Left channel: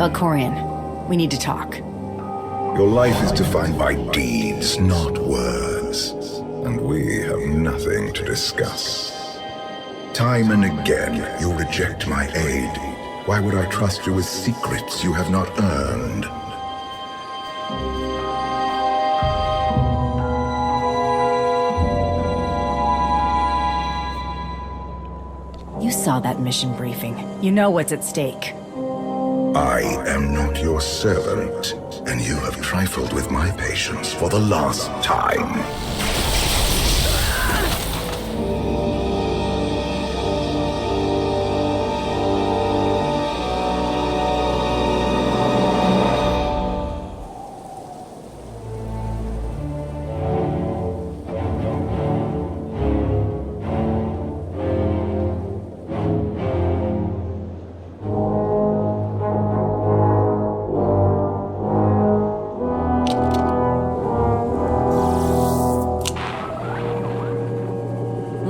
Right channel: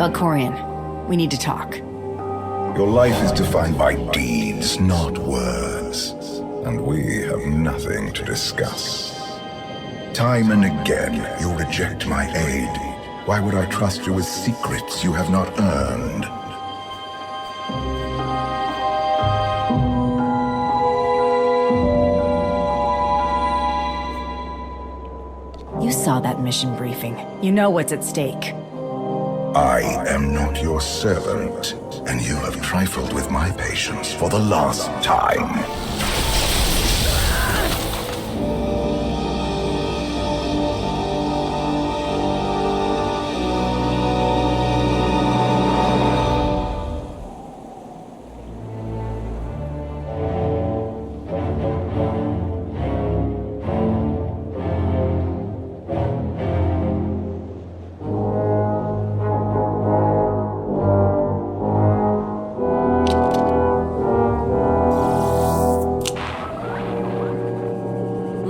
Valkyrion, we need to talk. Your life is defined by deeds, not words. And we have nothing to discuss. Time and again, you reject my aid. Why would I trust you with secrets you have not earned? You saw that mission briefing. You know what's at stake. I am not your servant, and you have trifled with my patience for the last time.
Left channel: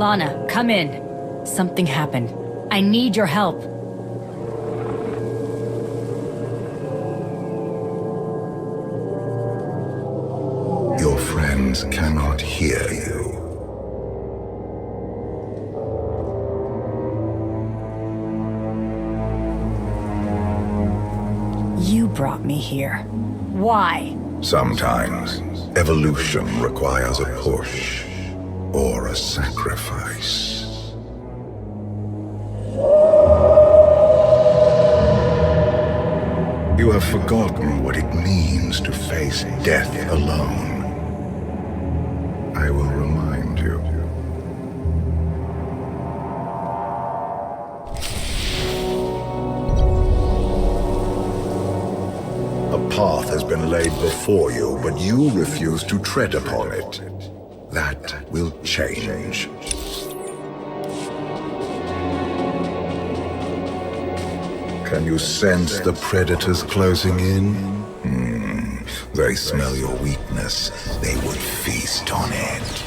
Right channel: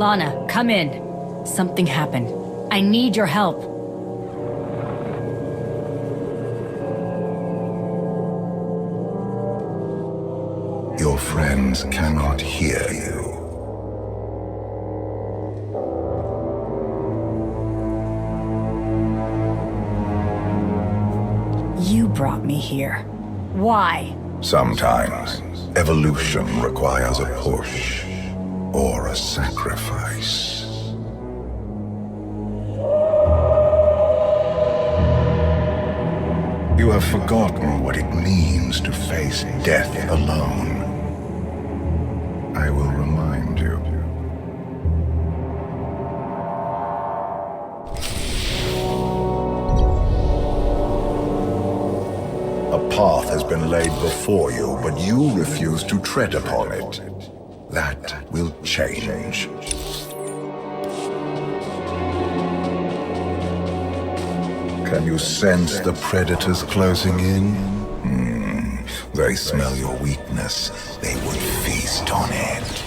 Lana, come in. Something happened. I need your help. Your friends cannot hear you. You brought me here. Why? Sometimes, evolution requires a push. Or a sacrifice. You have forgotten what it means to face death alone. I will remind you. A path has been laid before you, but you refuse to tread upon it. That will change. Can you sense the predators closing in? They smell your weakness. They would feast on it.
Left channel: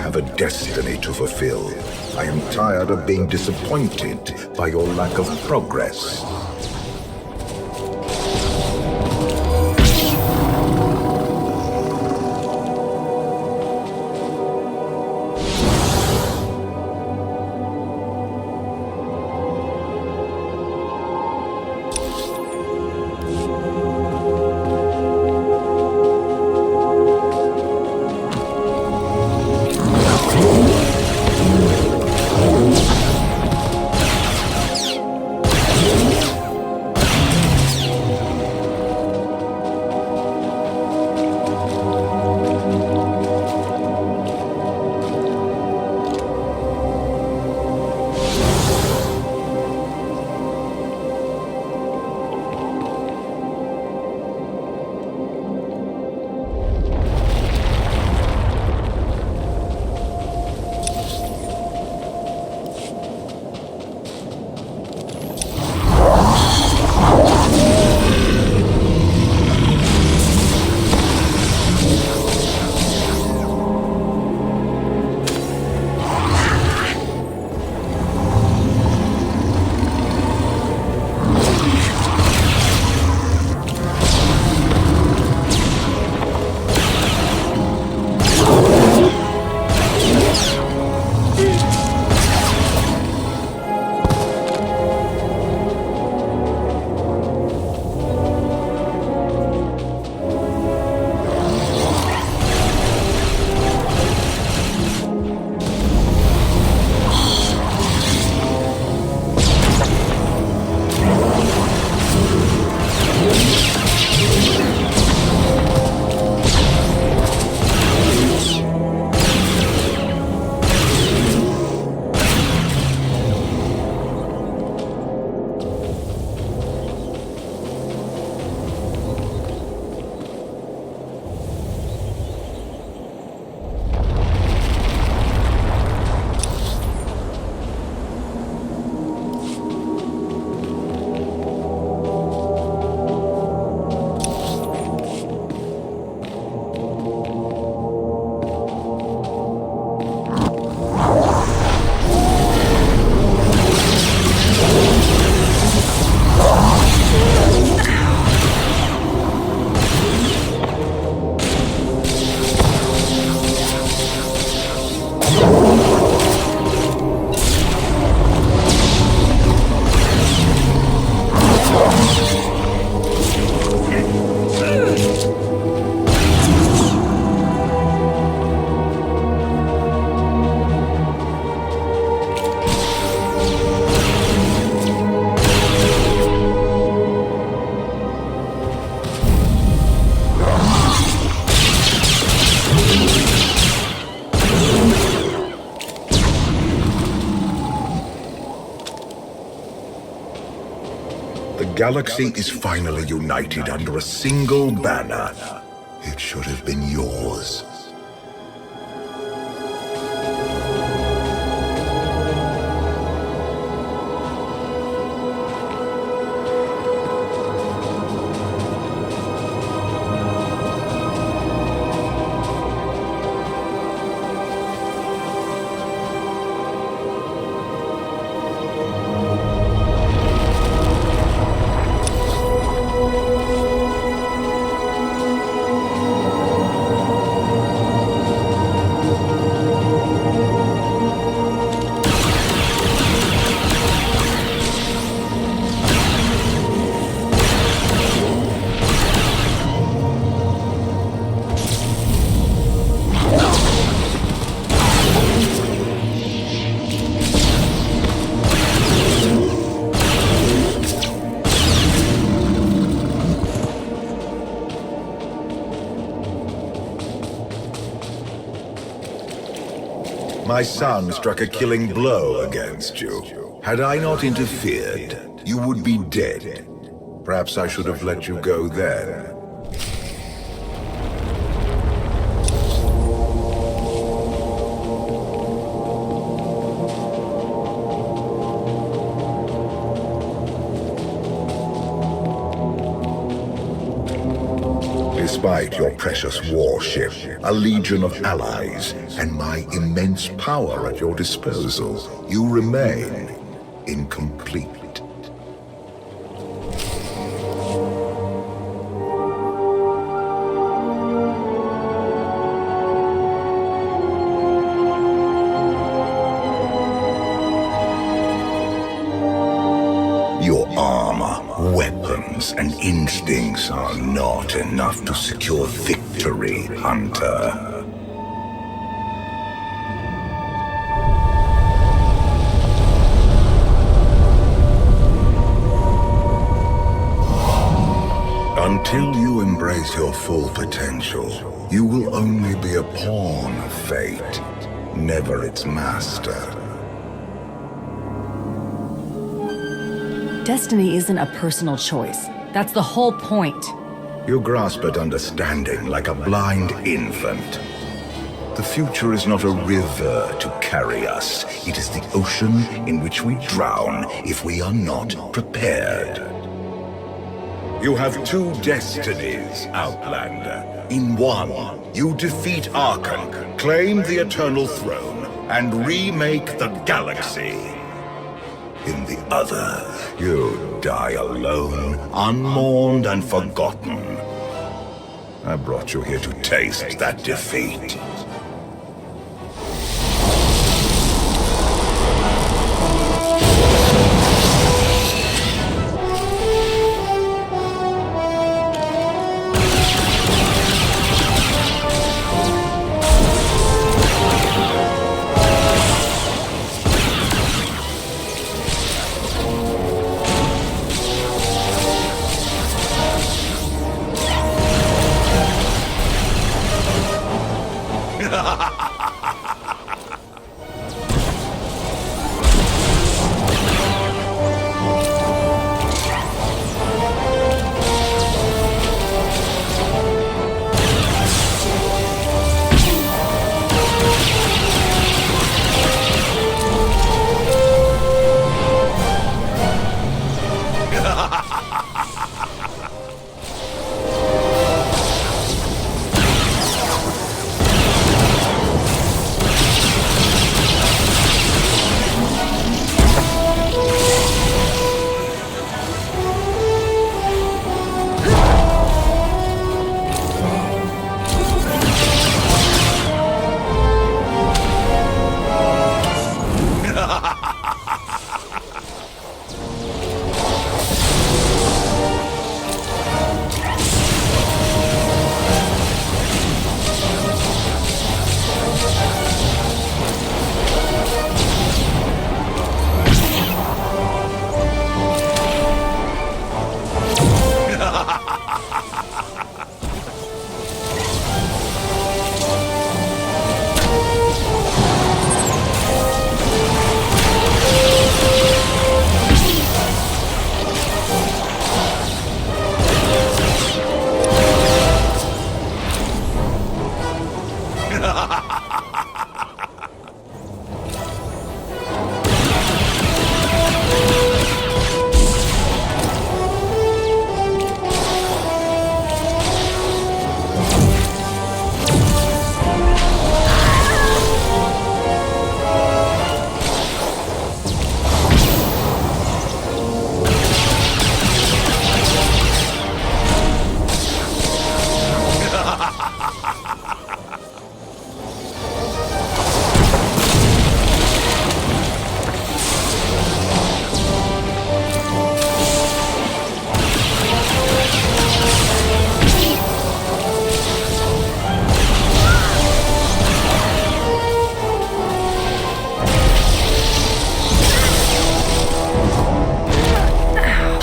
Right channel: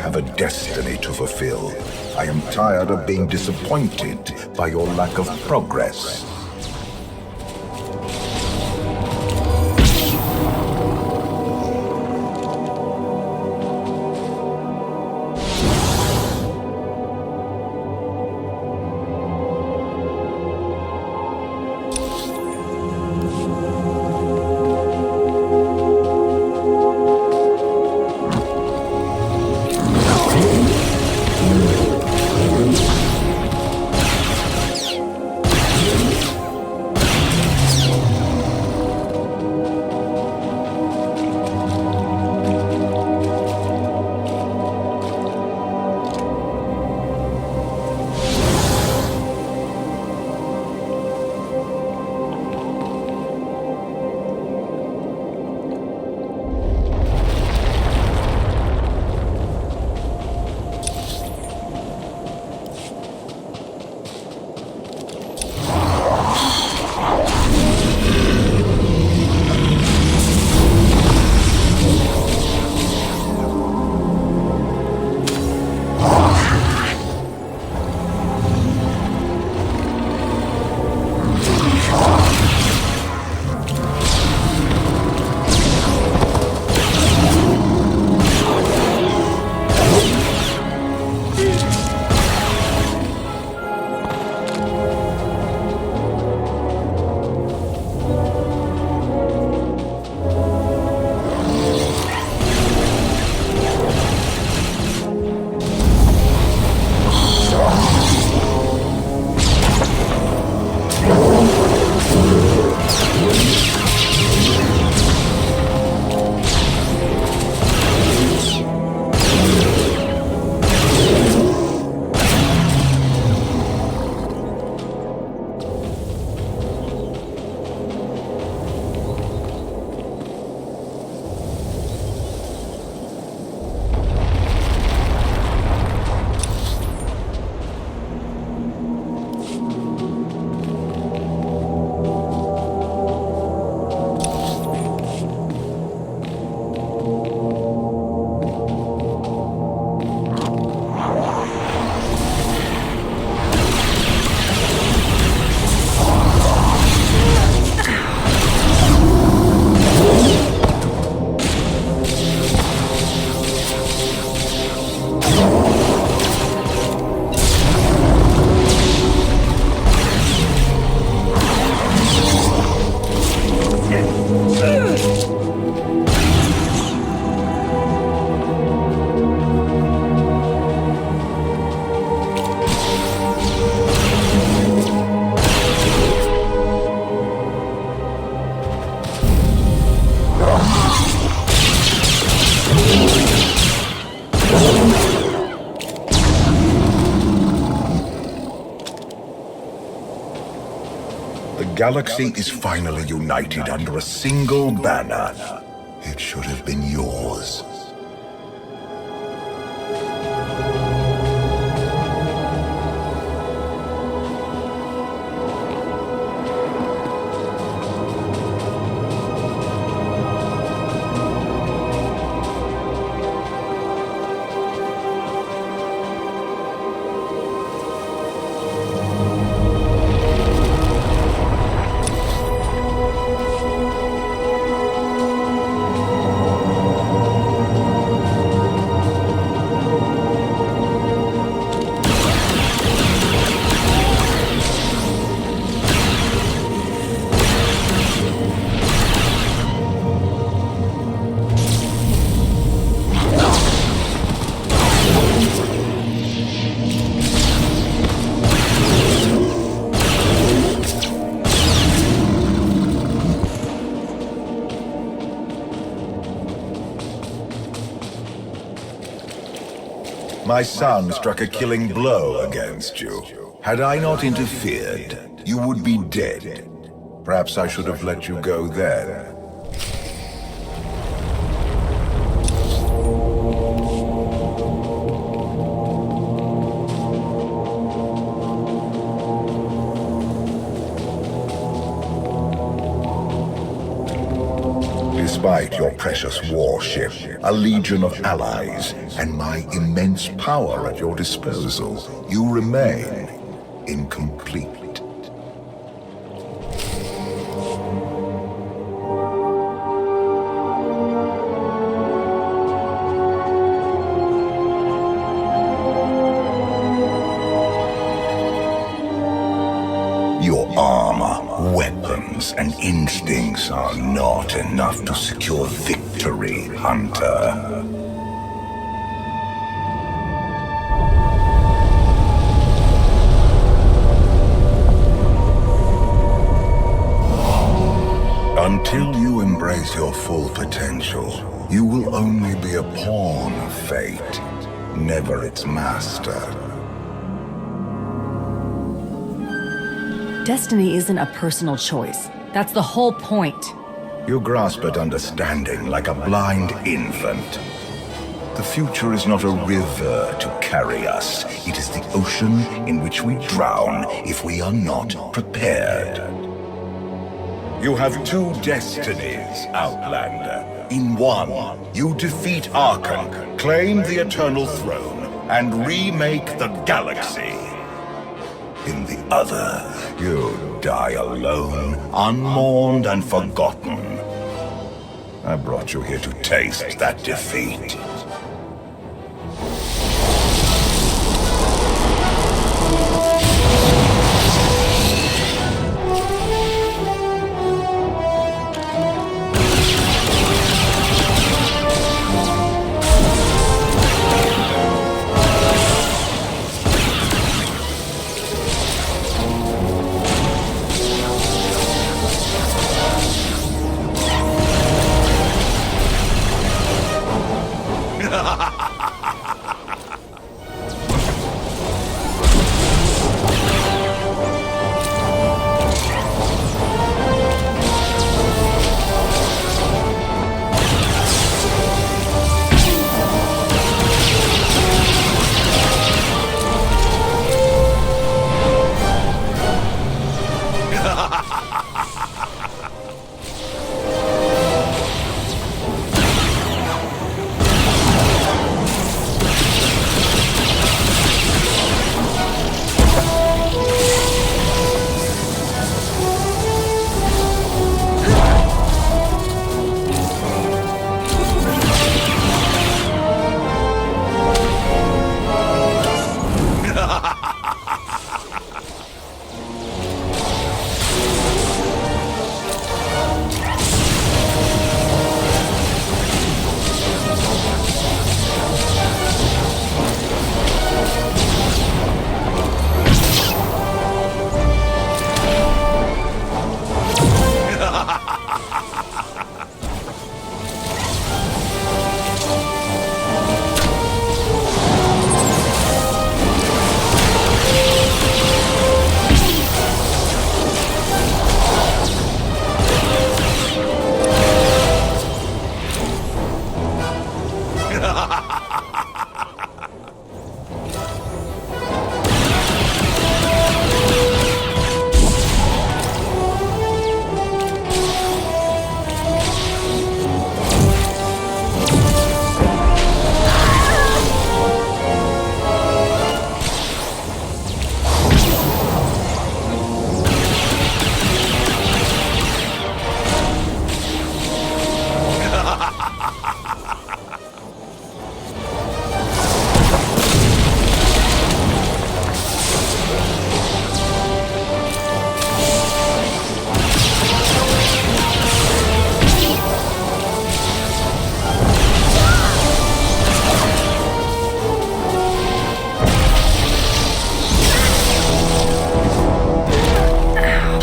have a destiny to fulfill. I am tired of being disappointed by your lack of progress. The galaxy is finally united under a single banner. It should have been yours. My son struck a killing blow against you. Had I not interfered, you would be dead. Perhaps I should have let you go then. Despite your precious warship, a legion of allies, and my immense power at your disposal, you remain incomplete. Your armor, weapons, and instincts are not enough to secure victory, Hunter. Until you embrace your full potential, you will only be a pawn of fate, never its master. Destiny isn't a personal choice. That's the whole point. You grasp at understanding like a blind infant. The future is not a river to carry us. It is the ocean in which we drown if we are not prepared. You have two destinies, Outlander. In one, you defeat Archon, claim the Eternal Throne, and remake the galaxy. In the other, you die alone, unmourned and forgotten. I brought you here to taste that defeat.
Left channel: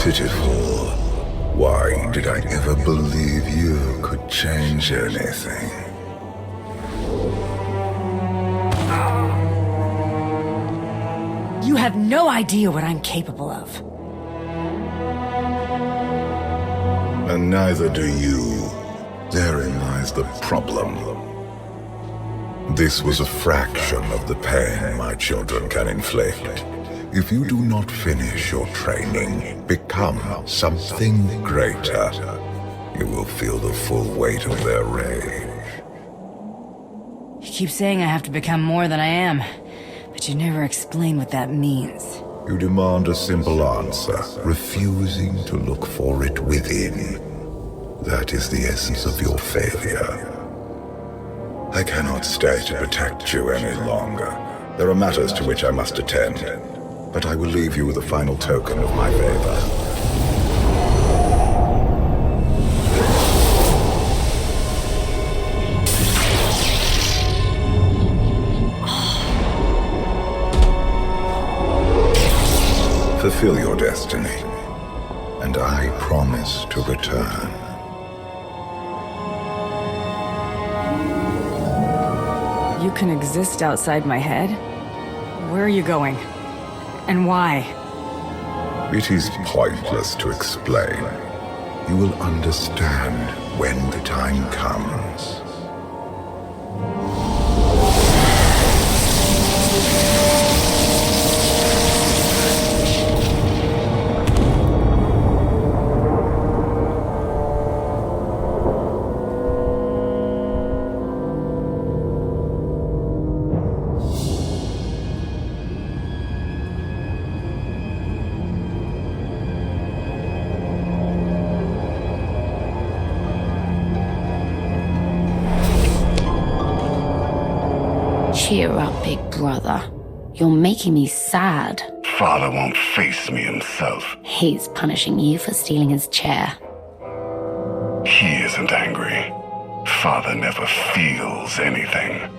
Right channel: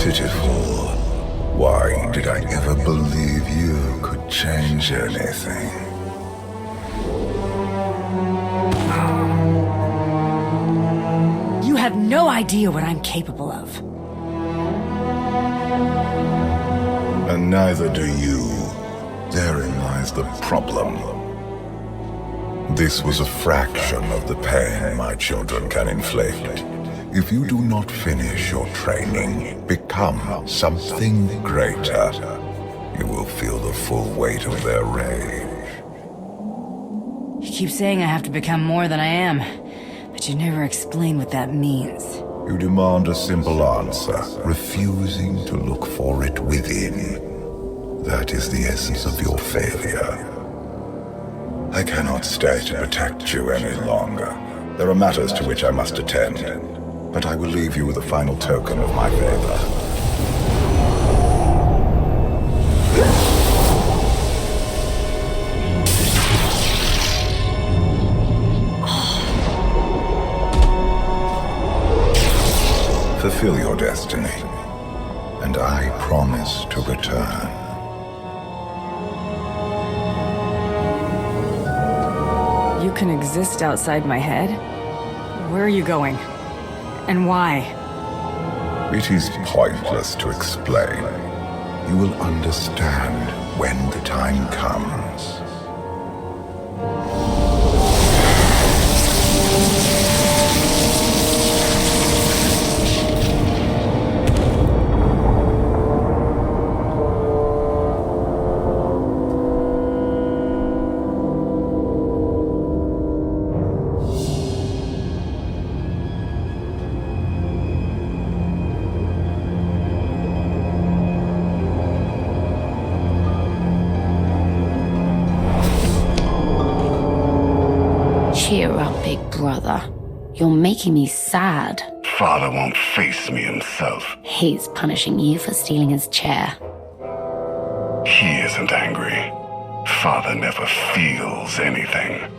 Pitiful. Why did I ever believe you could change anything? You have no idea what I'm capable of. And neither do you. Therein lies the problem. This was a fraction of the pain my children can inflict. If you do not finish your training, become something greater, you will feel the full weight of their rage. You keep saying I have to become more than I am, but you never explain what that means. You demand a simple answer, refusing to look for it within. That is the essence of your failure. I cannot stay to protect you any longer. There are matters to which I must attend, but I will leave you with a final token of my favor. Fulfill your destiny, and I promise to return. You can exist outside my head? Where are you going? And why? It is pointless to explain. You will understand when the time comes. Cheer up, big brother. You're making me sad. Father won't face me himself. He's punishing you for stealing his chair. He isn't angry. Father never feels anything.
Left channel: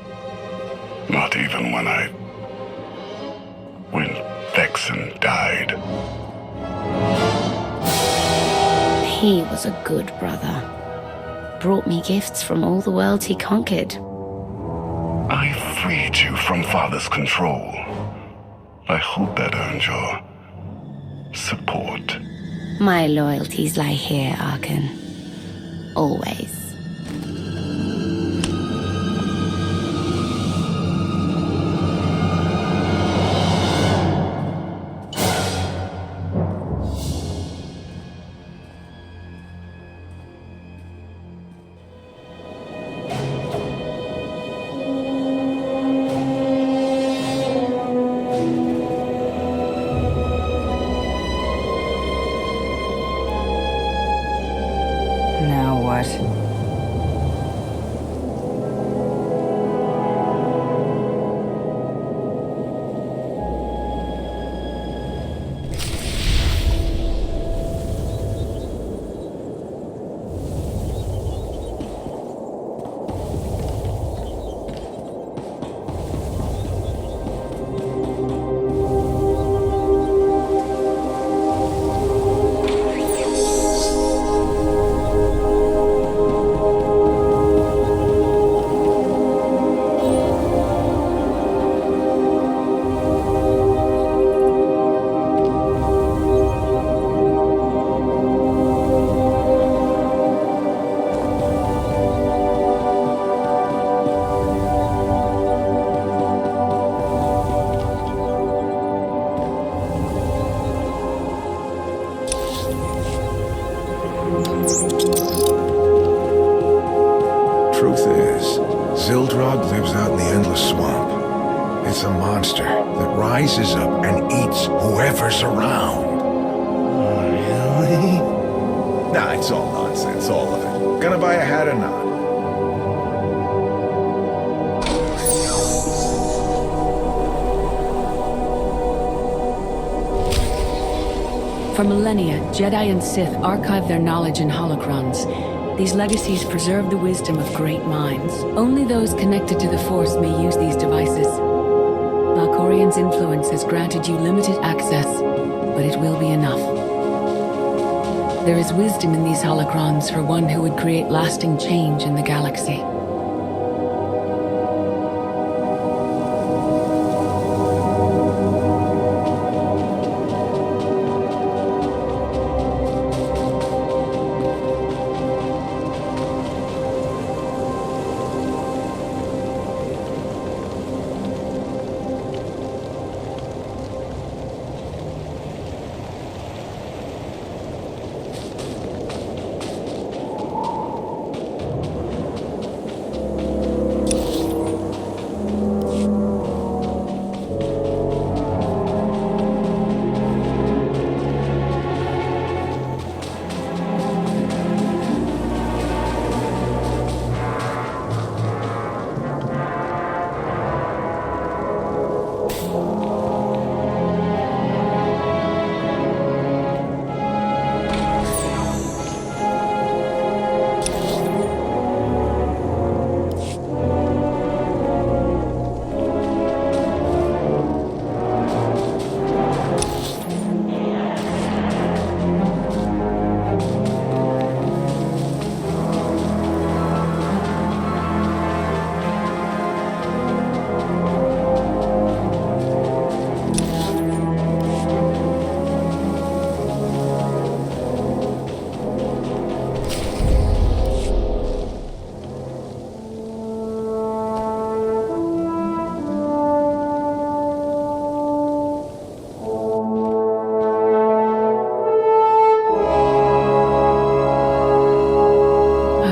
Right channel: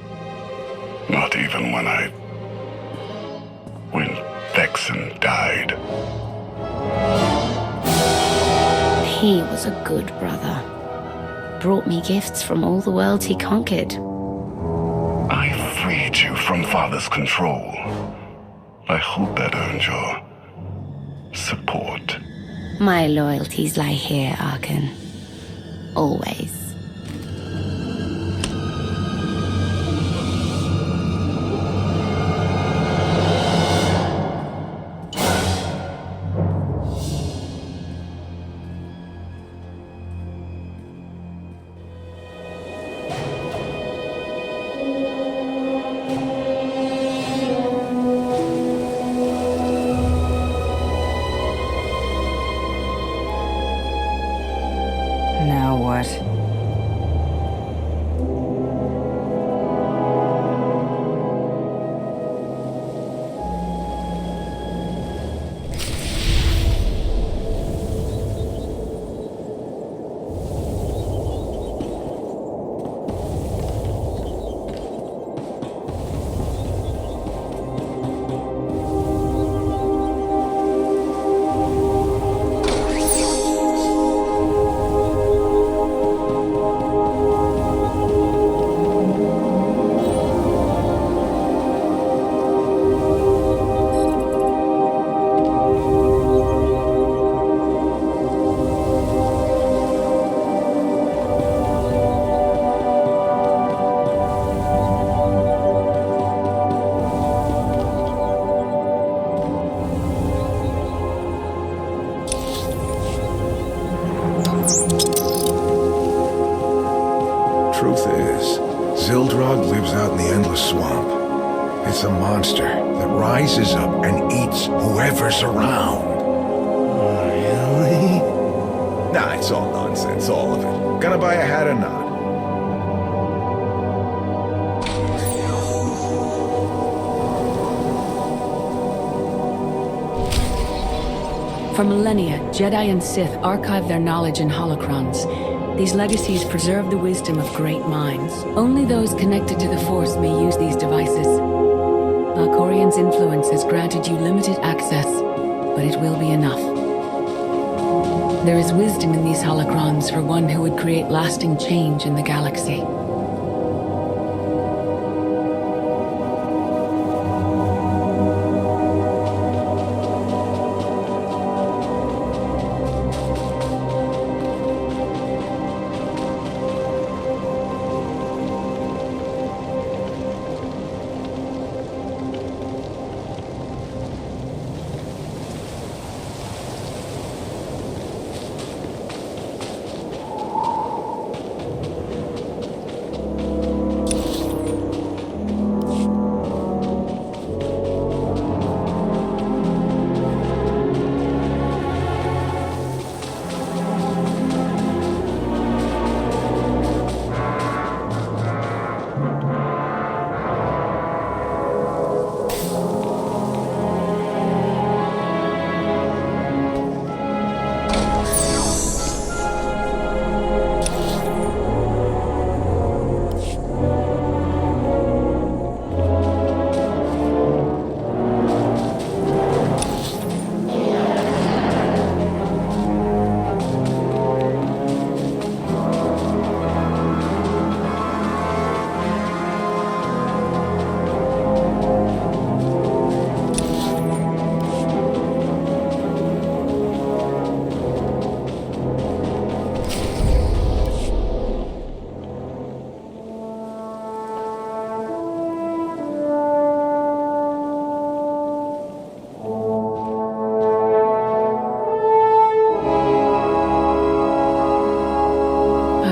Not even when Vexen died. He was a good brother. Brought me gifts from all the worlds he conquered. I freed you from Father's control. I hope that earned your support. My loyalties lie here, Arkan. Always. Now what? Truth is, Zildrog lives out in the Endless Swamp. It's a monster that rises up and eats whoever's around. Really? Nah, it's all nonsense, all of it. Gonna buy a hat or not? For millennia, Jedi and Sith archived their knowledge in holocrons. These legacies preserve the wisdom of great minds. Only those connected to the Force may use these devices. Valkyrion's influence has granted you limited access, but it will be enough. There is wisdom in these holocrons for one who would create lasting change in the galaxy.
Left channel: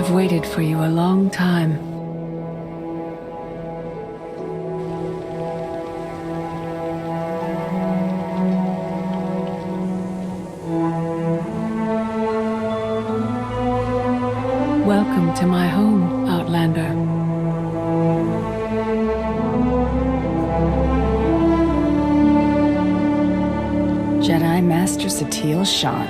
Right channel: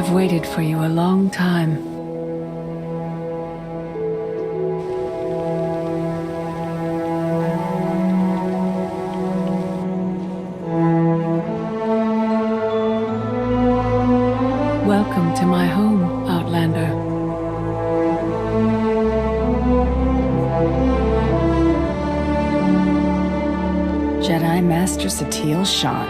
I've waited for you a long time. Welcome to my home, Outlander. Jedi Master Satil Shan.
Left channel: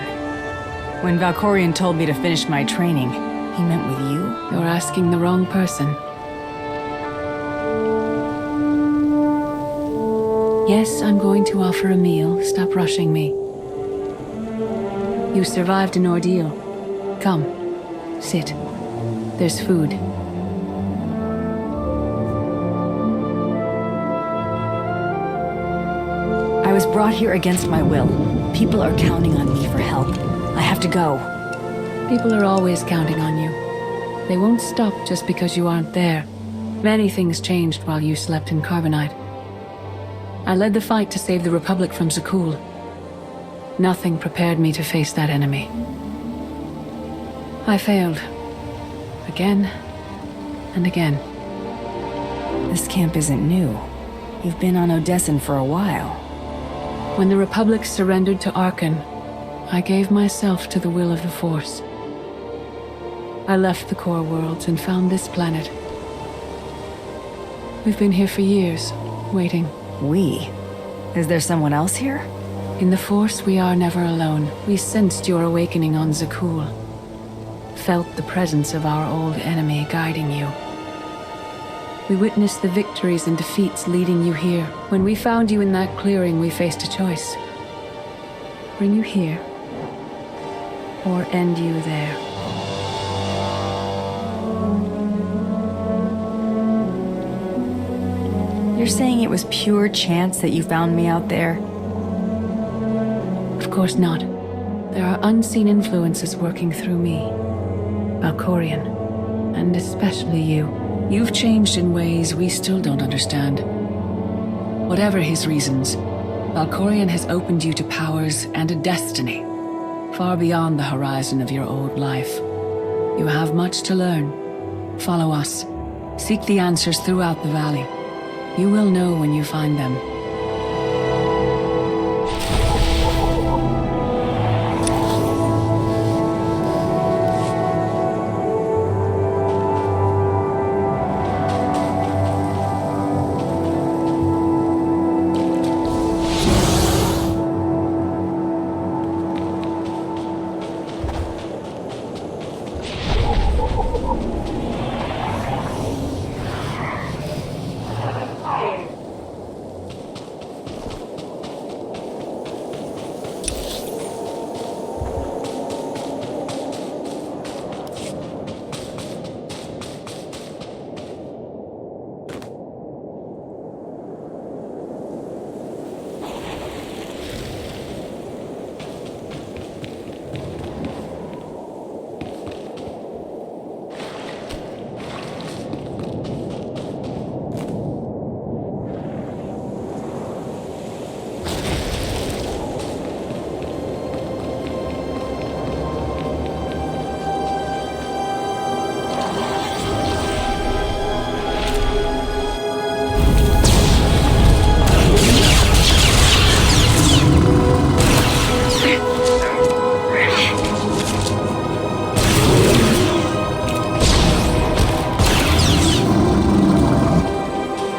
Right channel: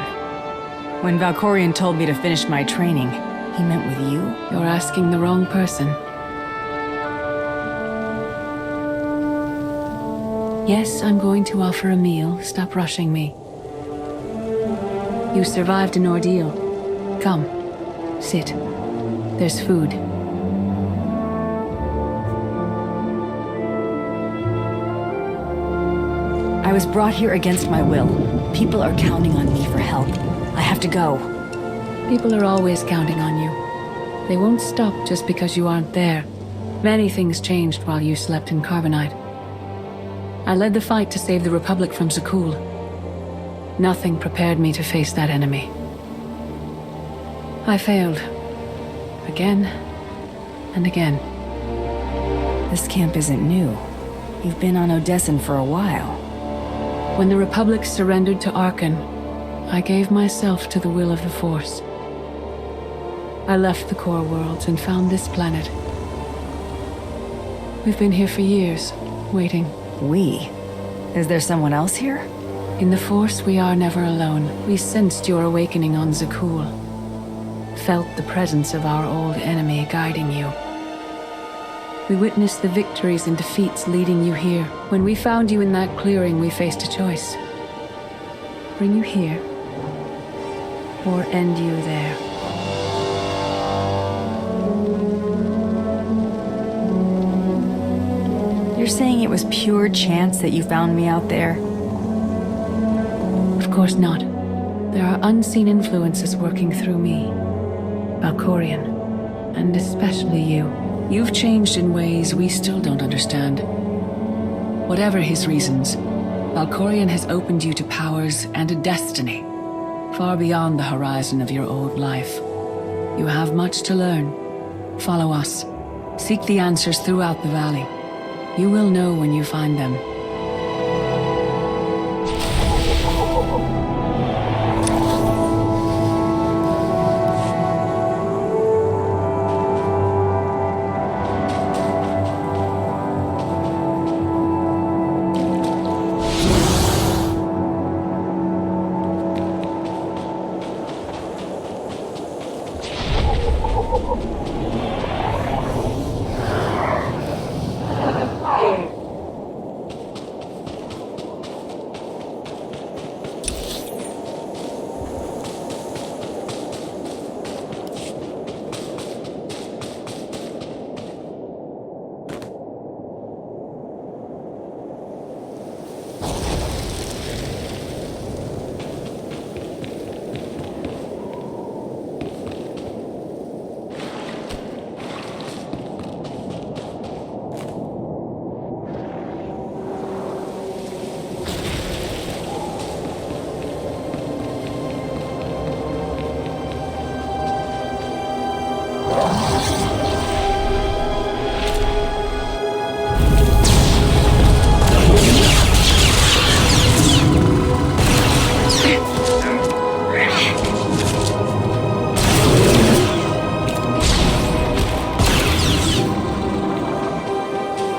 When Valkyrion told me to finish my training, he meant with you? You're asking the wrong person. Yes, I'm going to offer a meal. Stop rushing me. You survived an ordeal. Come, sit. There's food. I was brought here against my will. People are counting on me for help. I have to go. People are always counting on you. They won't stop just because you aren't there. Many things changed while you slept in Carbonite. I led the fight to save the Republic from Zakul. Nothing prepared me to face that enemy. I failed. Again and again. This camp isn't new. You've been on Odessan for a while. When the Republic surrendered to Arkan, I gave myself to the will of the Force. I left the core worlds and found this planet. We've been here for years, waiting. We? Is there someone else here? In the Force, we are never alone. We sensed your awakening on Zakul. Felt the presence of our old enemy guiding you. We witnessed the victories and defeats leading you here. When we found you in that clearing, we faced a choice. Bring you here, or end you there. You're saying it was pure chance that you found me out there? Of course not. There are unseen influences working through me. Valkyrion, and especially you. You've changed in ways we still don't understand. Whatever his reasons, Valkyrion has opened you to powers and a destiny, far beyond the horizon of your old life. You have much to learn. Follow us. Seek the answers throughout the valley. You will know when you find them.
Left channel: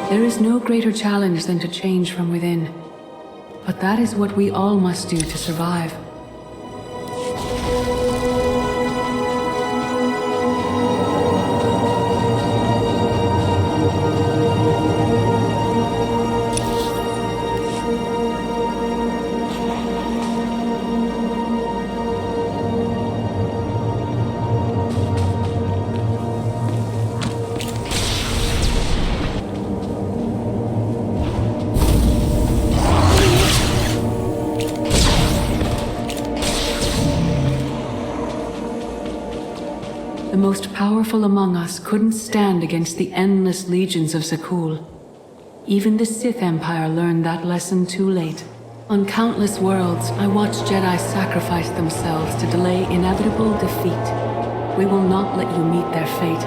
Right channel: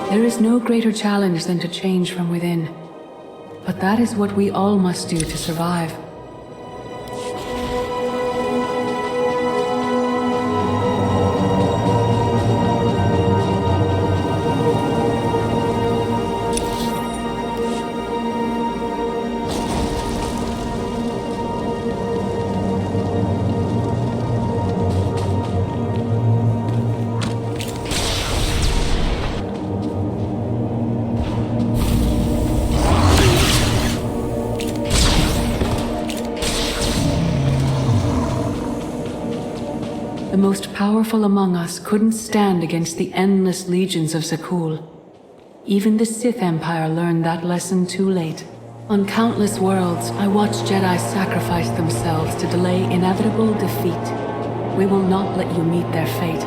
There is no greater challenge than to change from within. But that is what we all must do to survive. The most powerful among us couldn't stand against the endless legions of Zakul. Even the Sith Empire learned that lesson too late. On countless worlds, I watched Jedi sacrifice themselves to delay inevitable defeat. We will not let you meet their fate.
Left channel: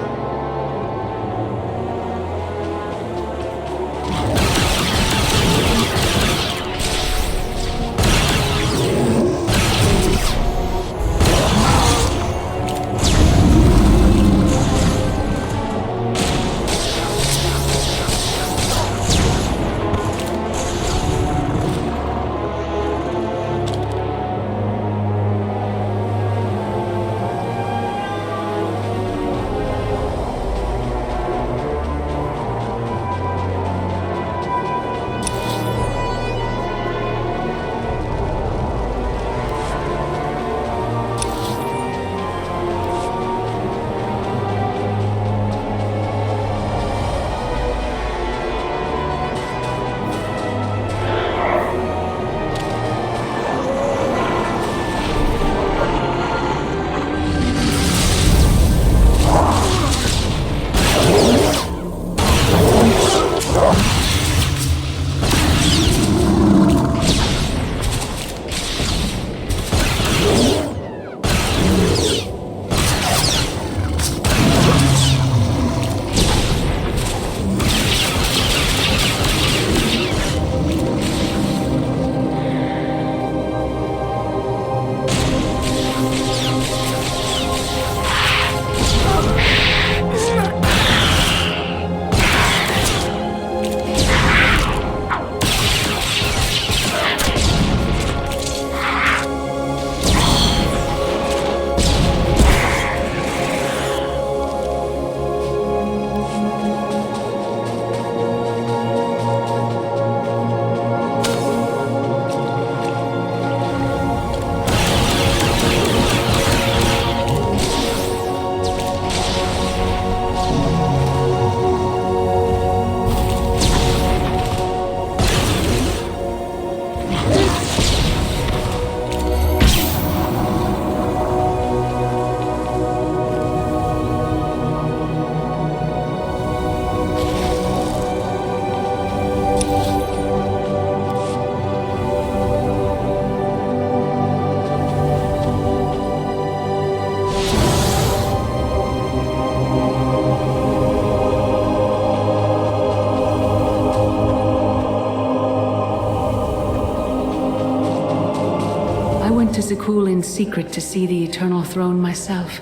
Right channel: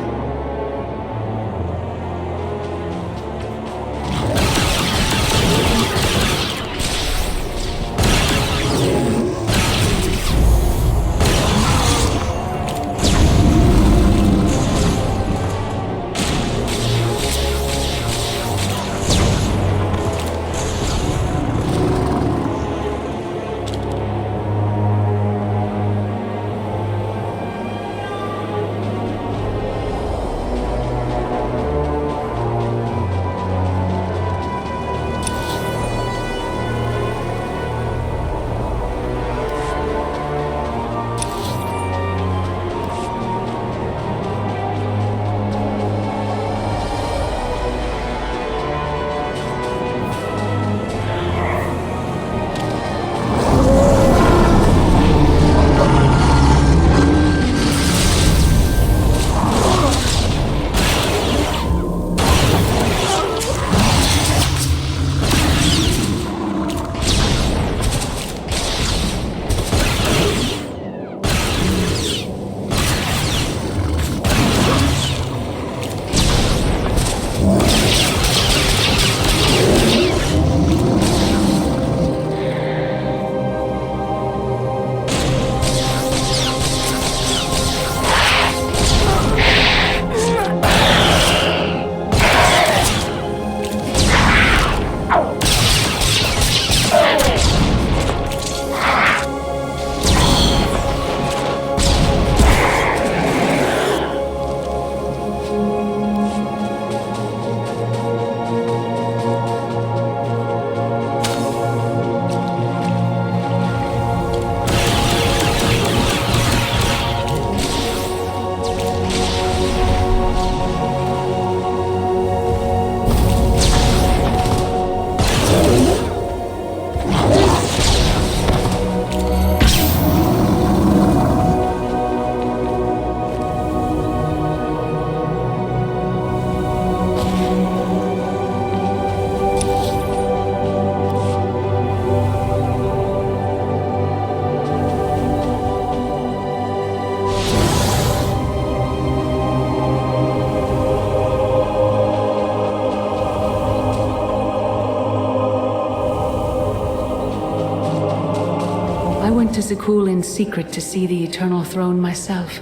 I went to Zakul in secret to see the Eternal Throne myself.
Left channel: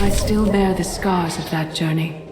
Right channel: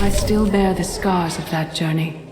I still bear the scars of that journey.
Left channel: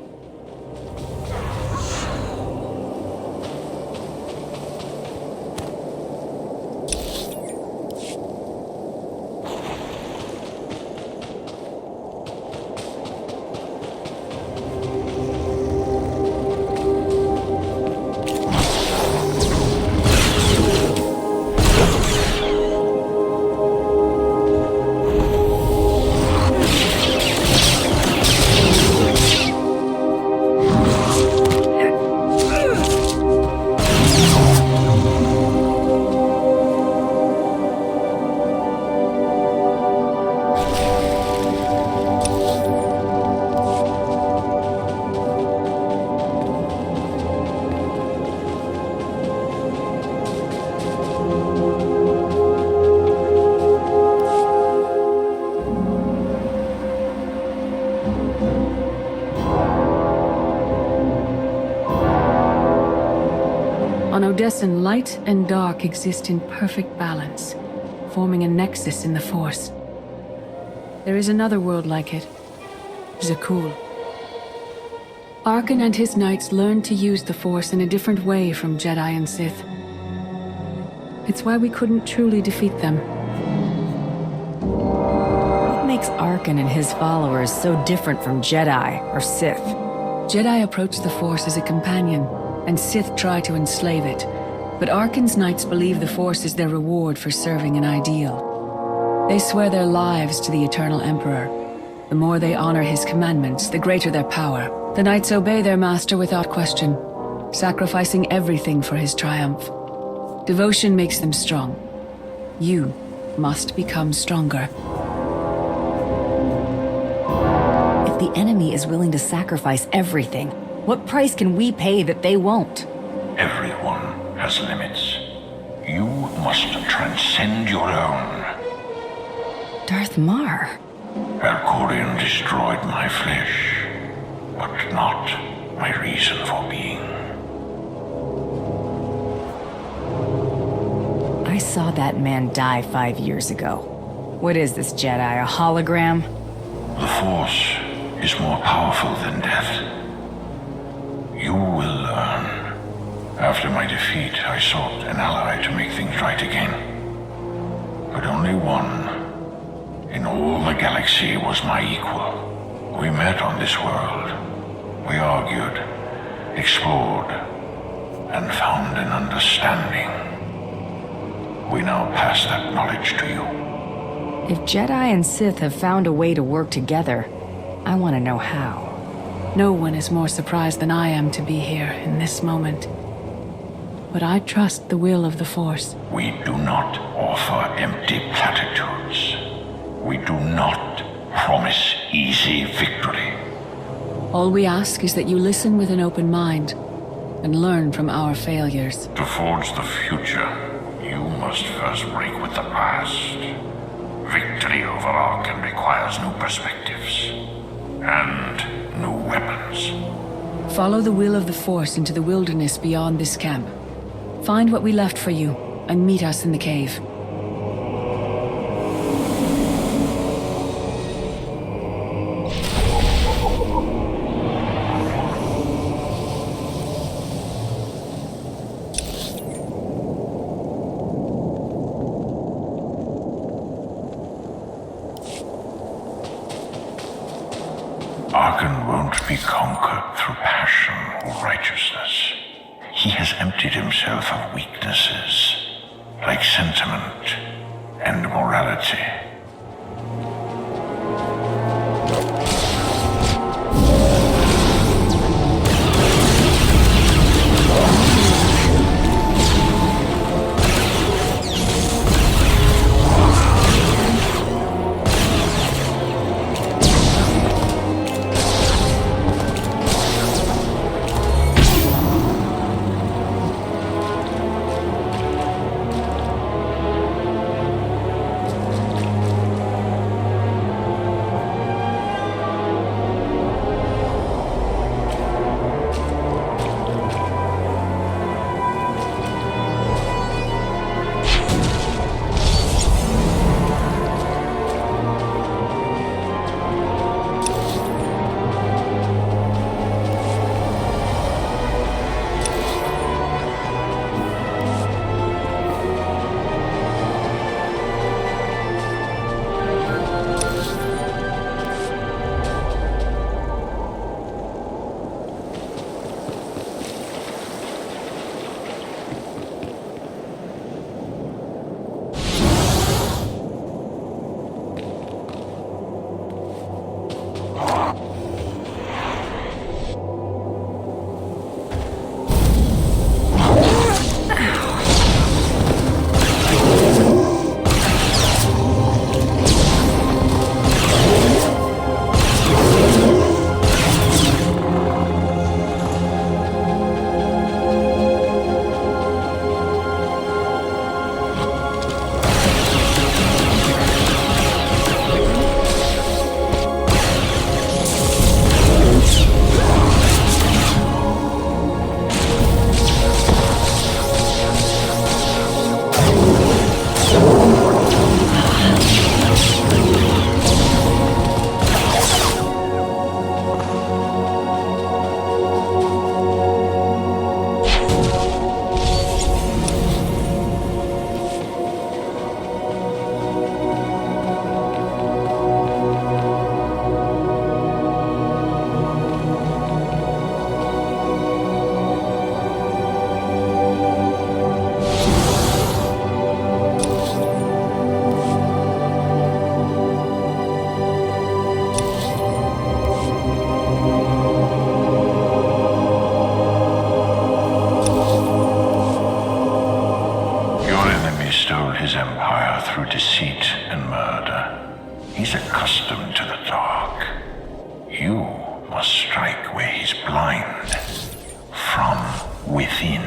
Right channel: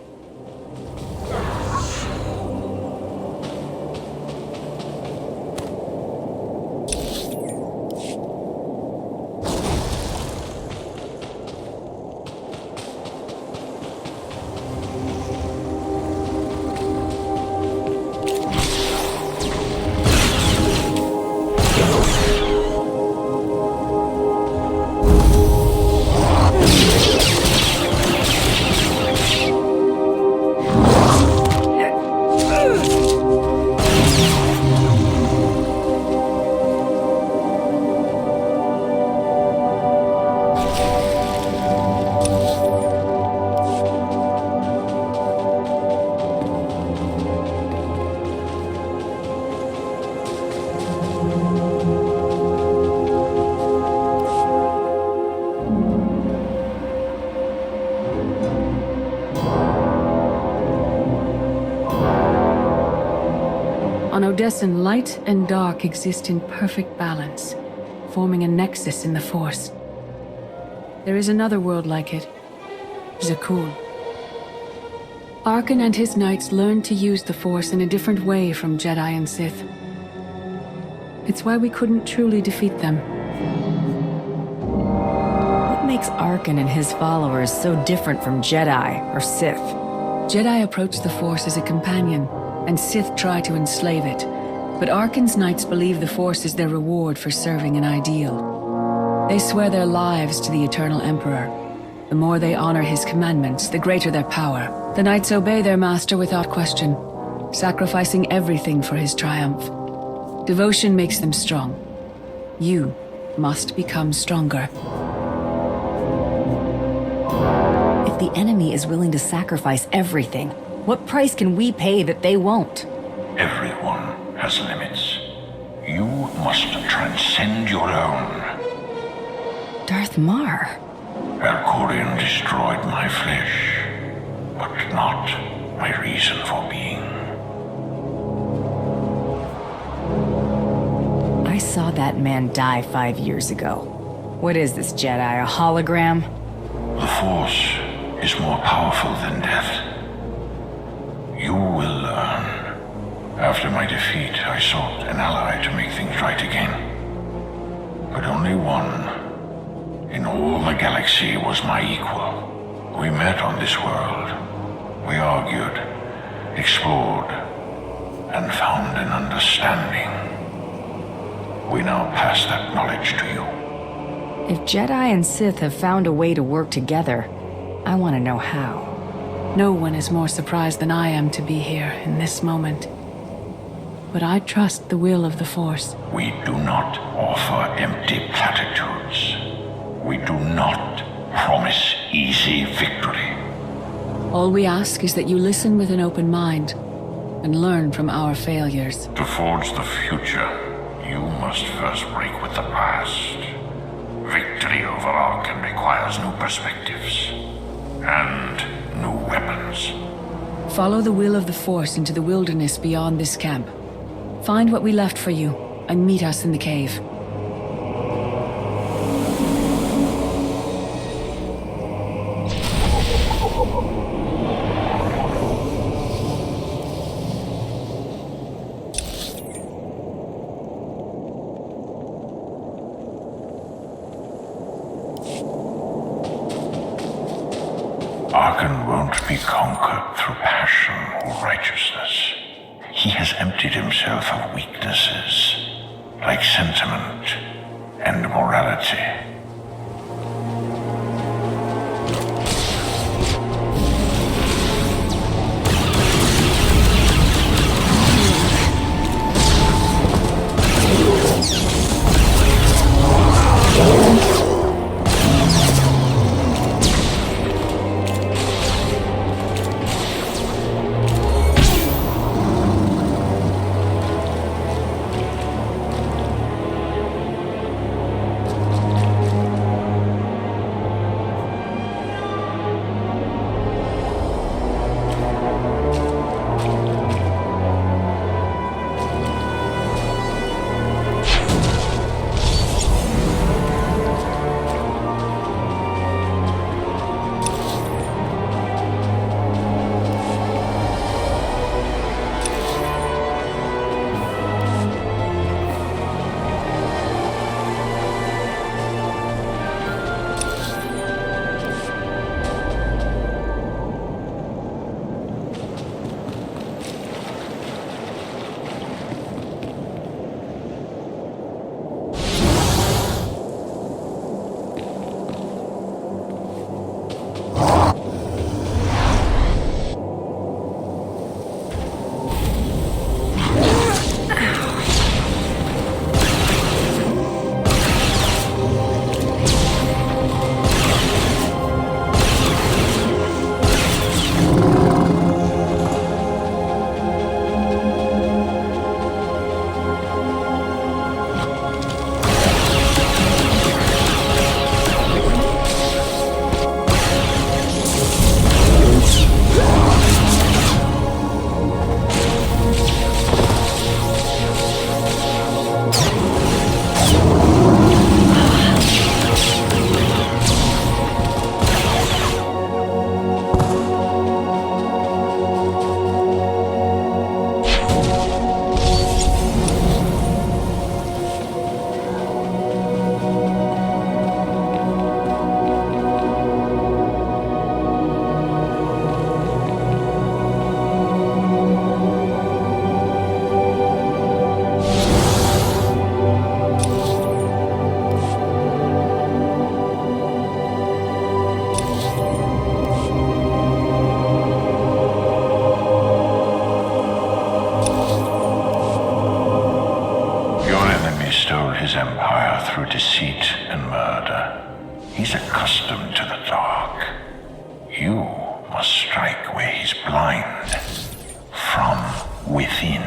On Odessen, light and dark exist in perfect balance, forming a nexus in the Force. There is another world like it, Zakul. Arkan and his knights learned to use the Force in a different way from Jedi and Sith. It's why we couldn't truly defeat them. What makes Arkan and his followers so different from Jedi or Sith? Jedi approach the Force as a companion, and Sith try to enslave it. But Arkan's knights believe the Force is their reward for serving an ideal. They swear their lives to the Eternal Emperor. The more they honor his commandments, the greater their power. The knights obey their master without question, sacrificing everything for his triumph. Devotion makes them strong. You must become stronger. If the enemy is willing to sacrifice everything, what price can we pay that they won't? Everyone has limits. You must transcend your own. Darth Mar. Valkyrion destroyed my flesh, but not my reason for being. I saw that man die 5 years ago. What is this Jedi, a hologram? The Force is more powerful than death. You will learn. After my defeat, I sought an ally to make things right again. But only one in all the galaxy was my equal. We met on this world. We argued, explored, and found an understanding. We now pass that knowledge to you. If Jedi and Sith have found a way to work together, I want to know how. No one is more surprised than I am to be here in this moment. But I trust the will of the Force. We do not offer empty platitudes. We do not promise easy victory. All we ask is that you listen with an open mind and learn from our failures. To forge the future, you must first break with the past. Victory over Arkham requires new perspectives and new weapons. Follow the will of the Force into the wilderness beyond this camp. Find what we left for you and meet us in the cave. Arkham won't be conquered through passion or righteousness. He has emptied himself of weaknesses, like sentiment and morality. Stole his empire through deceit and murder. He's accustomed to the dark. You must strike where he's blind. From within.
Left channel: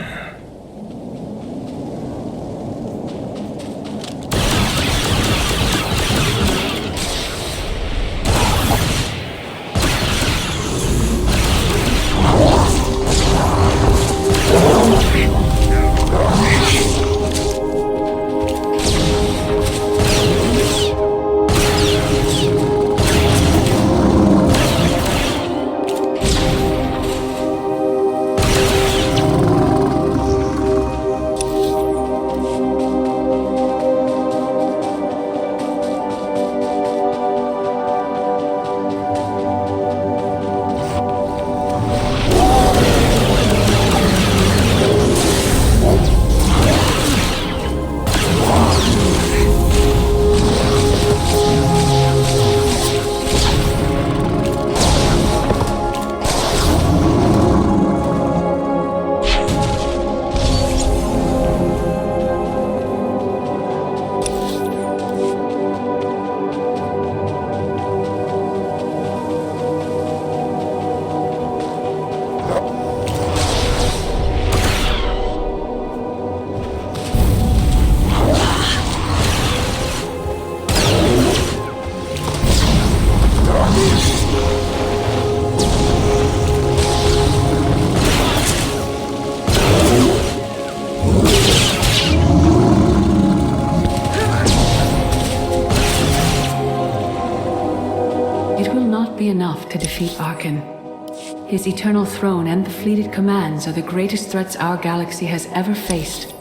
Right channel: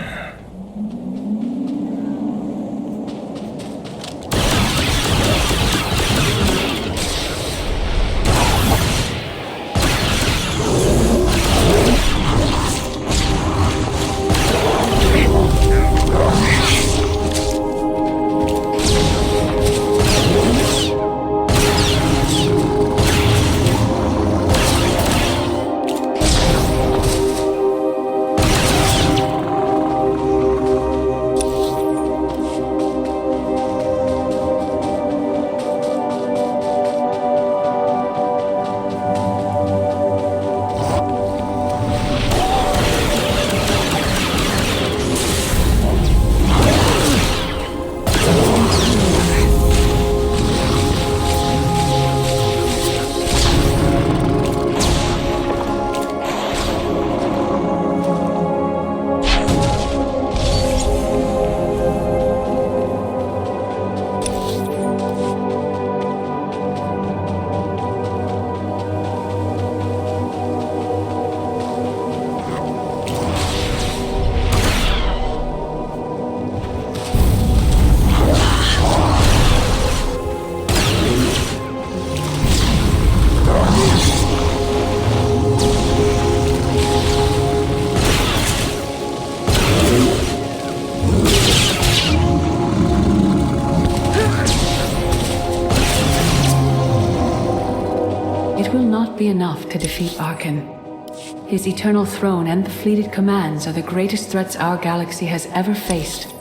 will not be enough to defeat Arkan. His eternal throne and the fleeted commands are the greatest threats our galaxy has ever faced.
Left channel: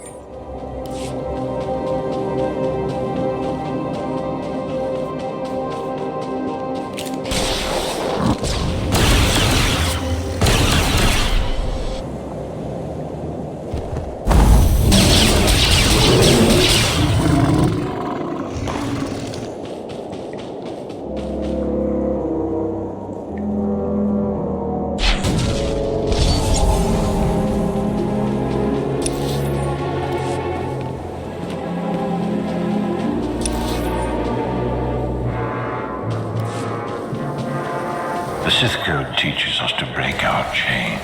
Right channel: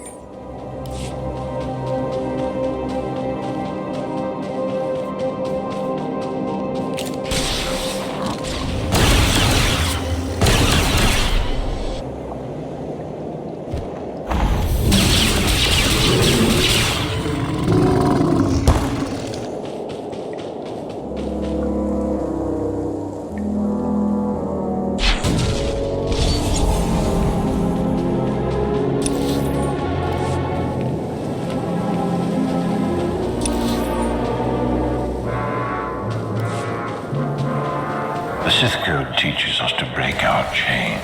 The Sith Code teaches us to break our chains,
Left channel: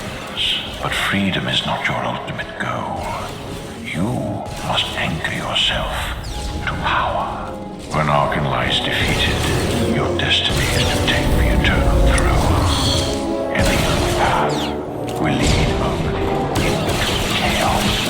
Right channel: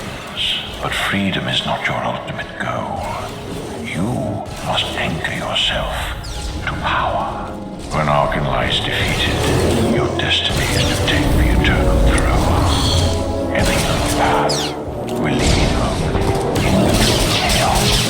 but freedom is not your ultimate goal. You must anchor yourself to power. When Arkan lies defeated, your destiny is to take the eternal throne. Any other path will lead only into chaos.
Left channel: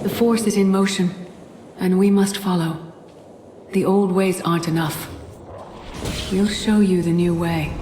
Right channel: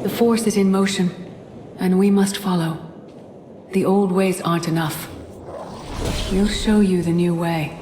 The Force is in motion, and we must follow. The old ways aren't enough. We'll show you the new way.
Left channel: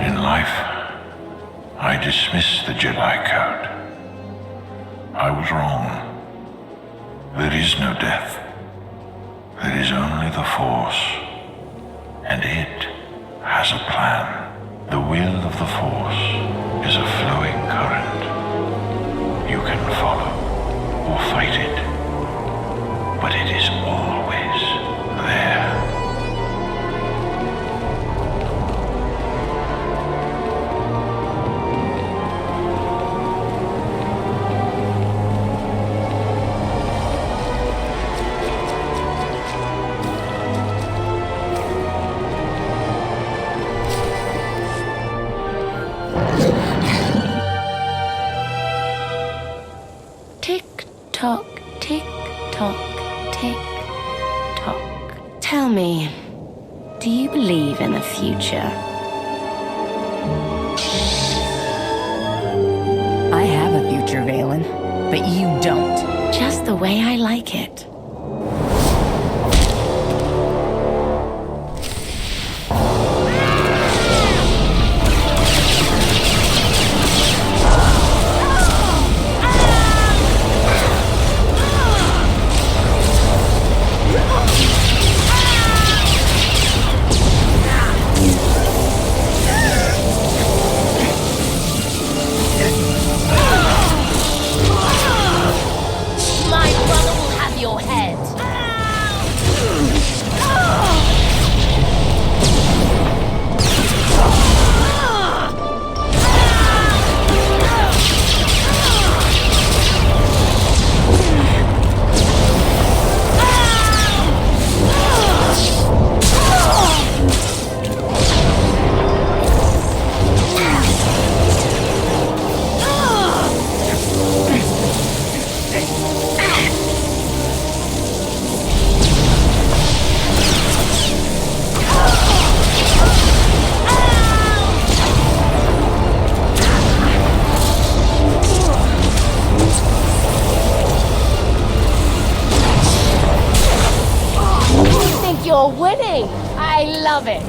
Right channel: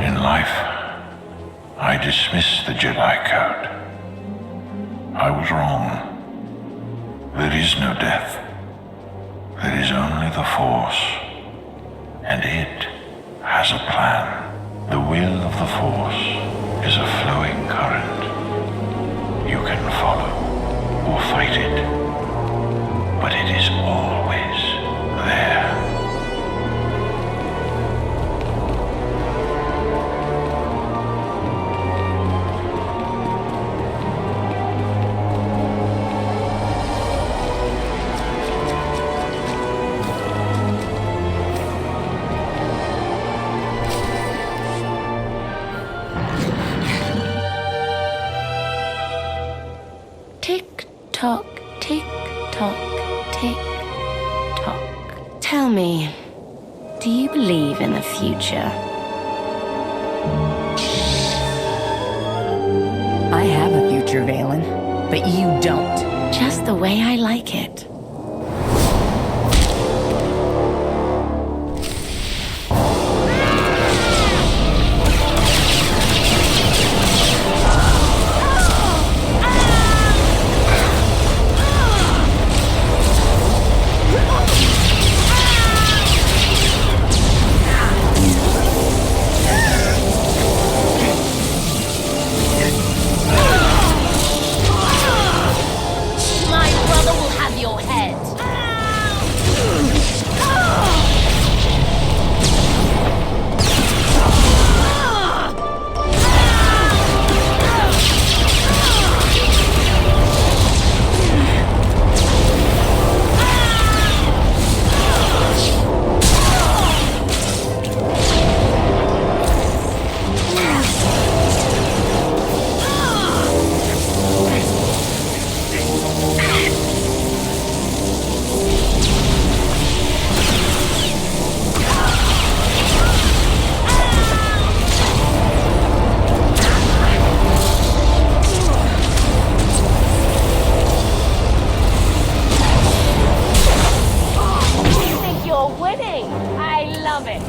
In life, I dismiss the Jedi Code. I was wrong. There is no death. There is only the Force, and it has a plan. The will of the Force is a flowing current. You can follow or fight it, but it is always there. Tick tock, tick tock, tick tock. Tell me, do you believe in the future? I have a future, Valen, but you don't. Just the way I like it. My brother will have your head. You think you're winning? I love it.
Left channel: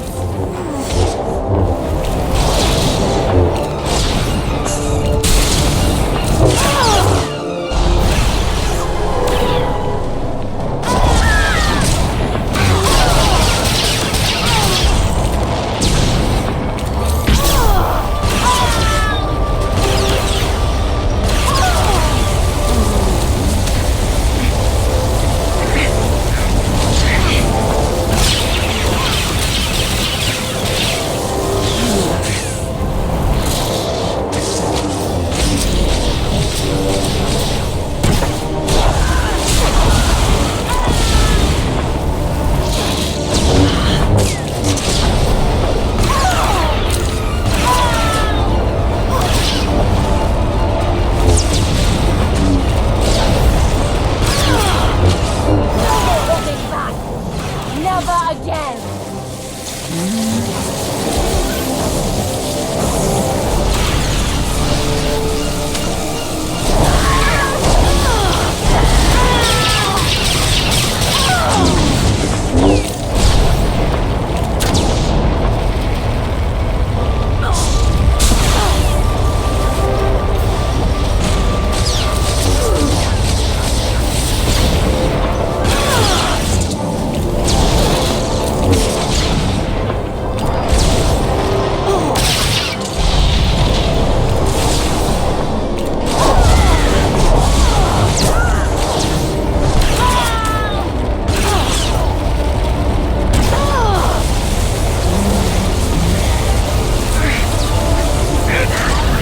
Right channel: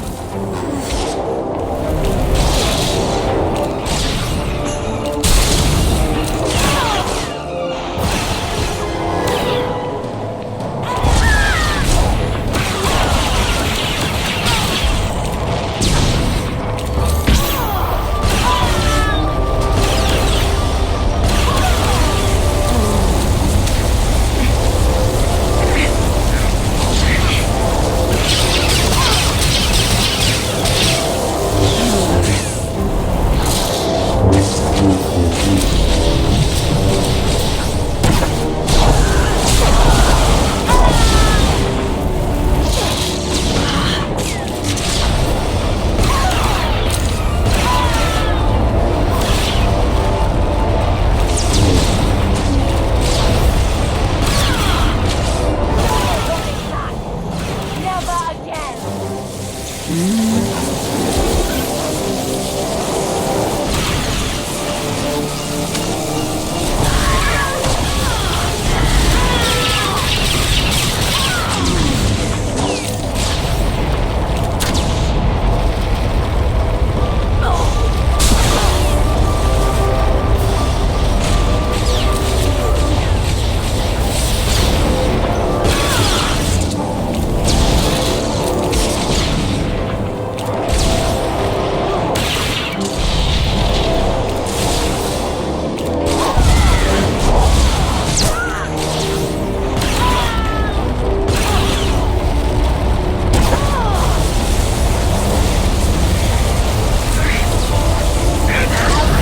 Never again.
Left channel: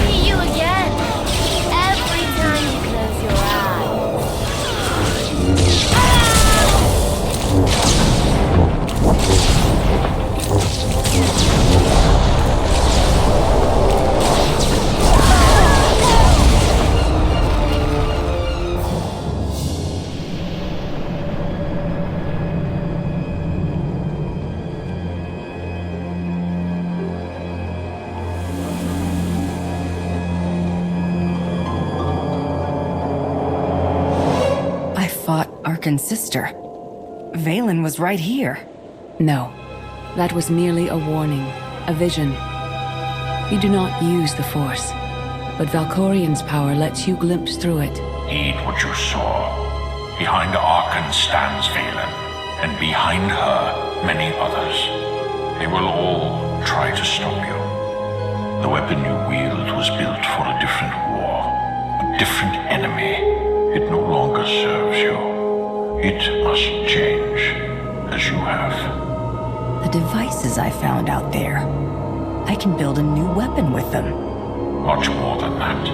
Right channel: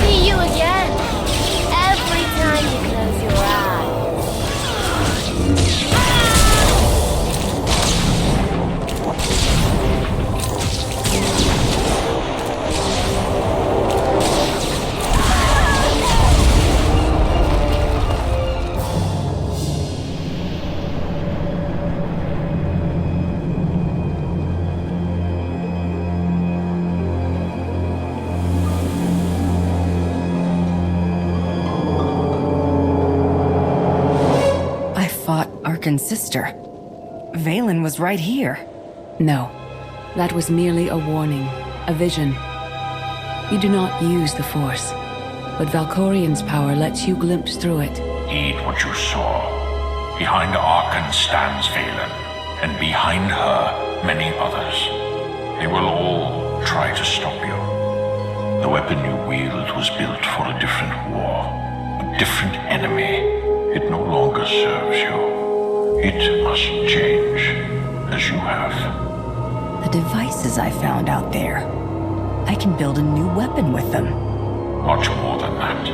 See you again. Every time you close your eyes. I fought Arkan's sister. Valen was right here. No, that was merely a warning, a vision. You do not use the Force, but Valkyrion's power lets you glimpse through it. Heed what you saw. Behind Arkan stands Valen, and behind her, many others. They will all try to stop you. The weapon you wield was built for a different war, a different enemy. It no longer serves you. It must change, as you have. The devices I found out there. I can build a new weapon with them. Much more than that.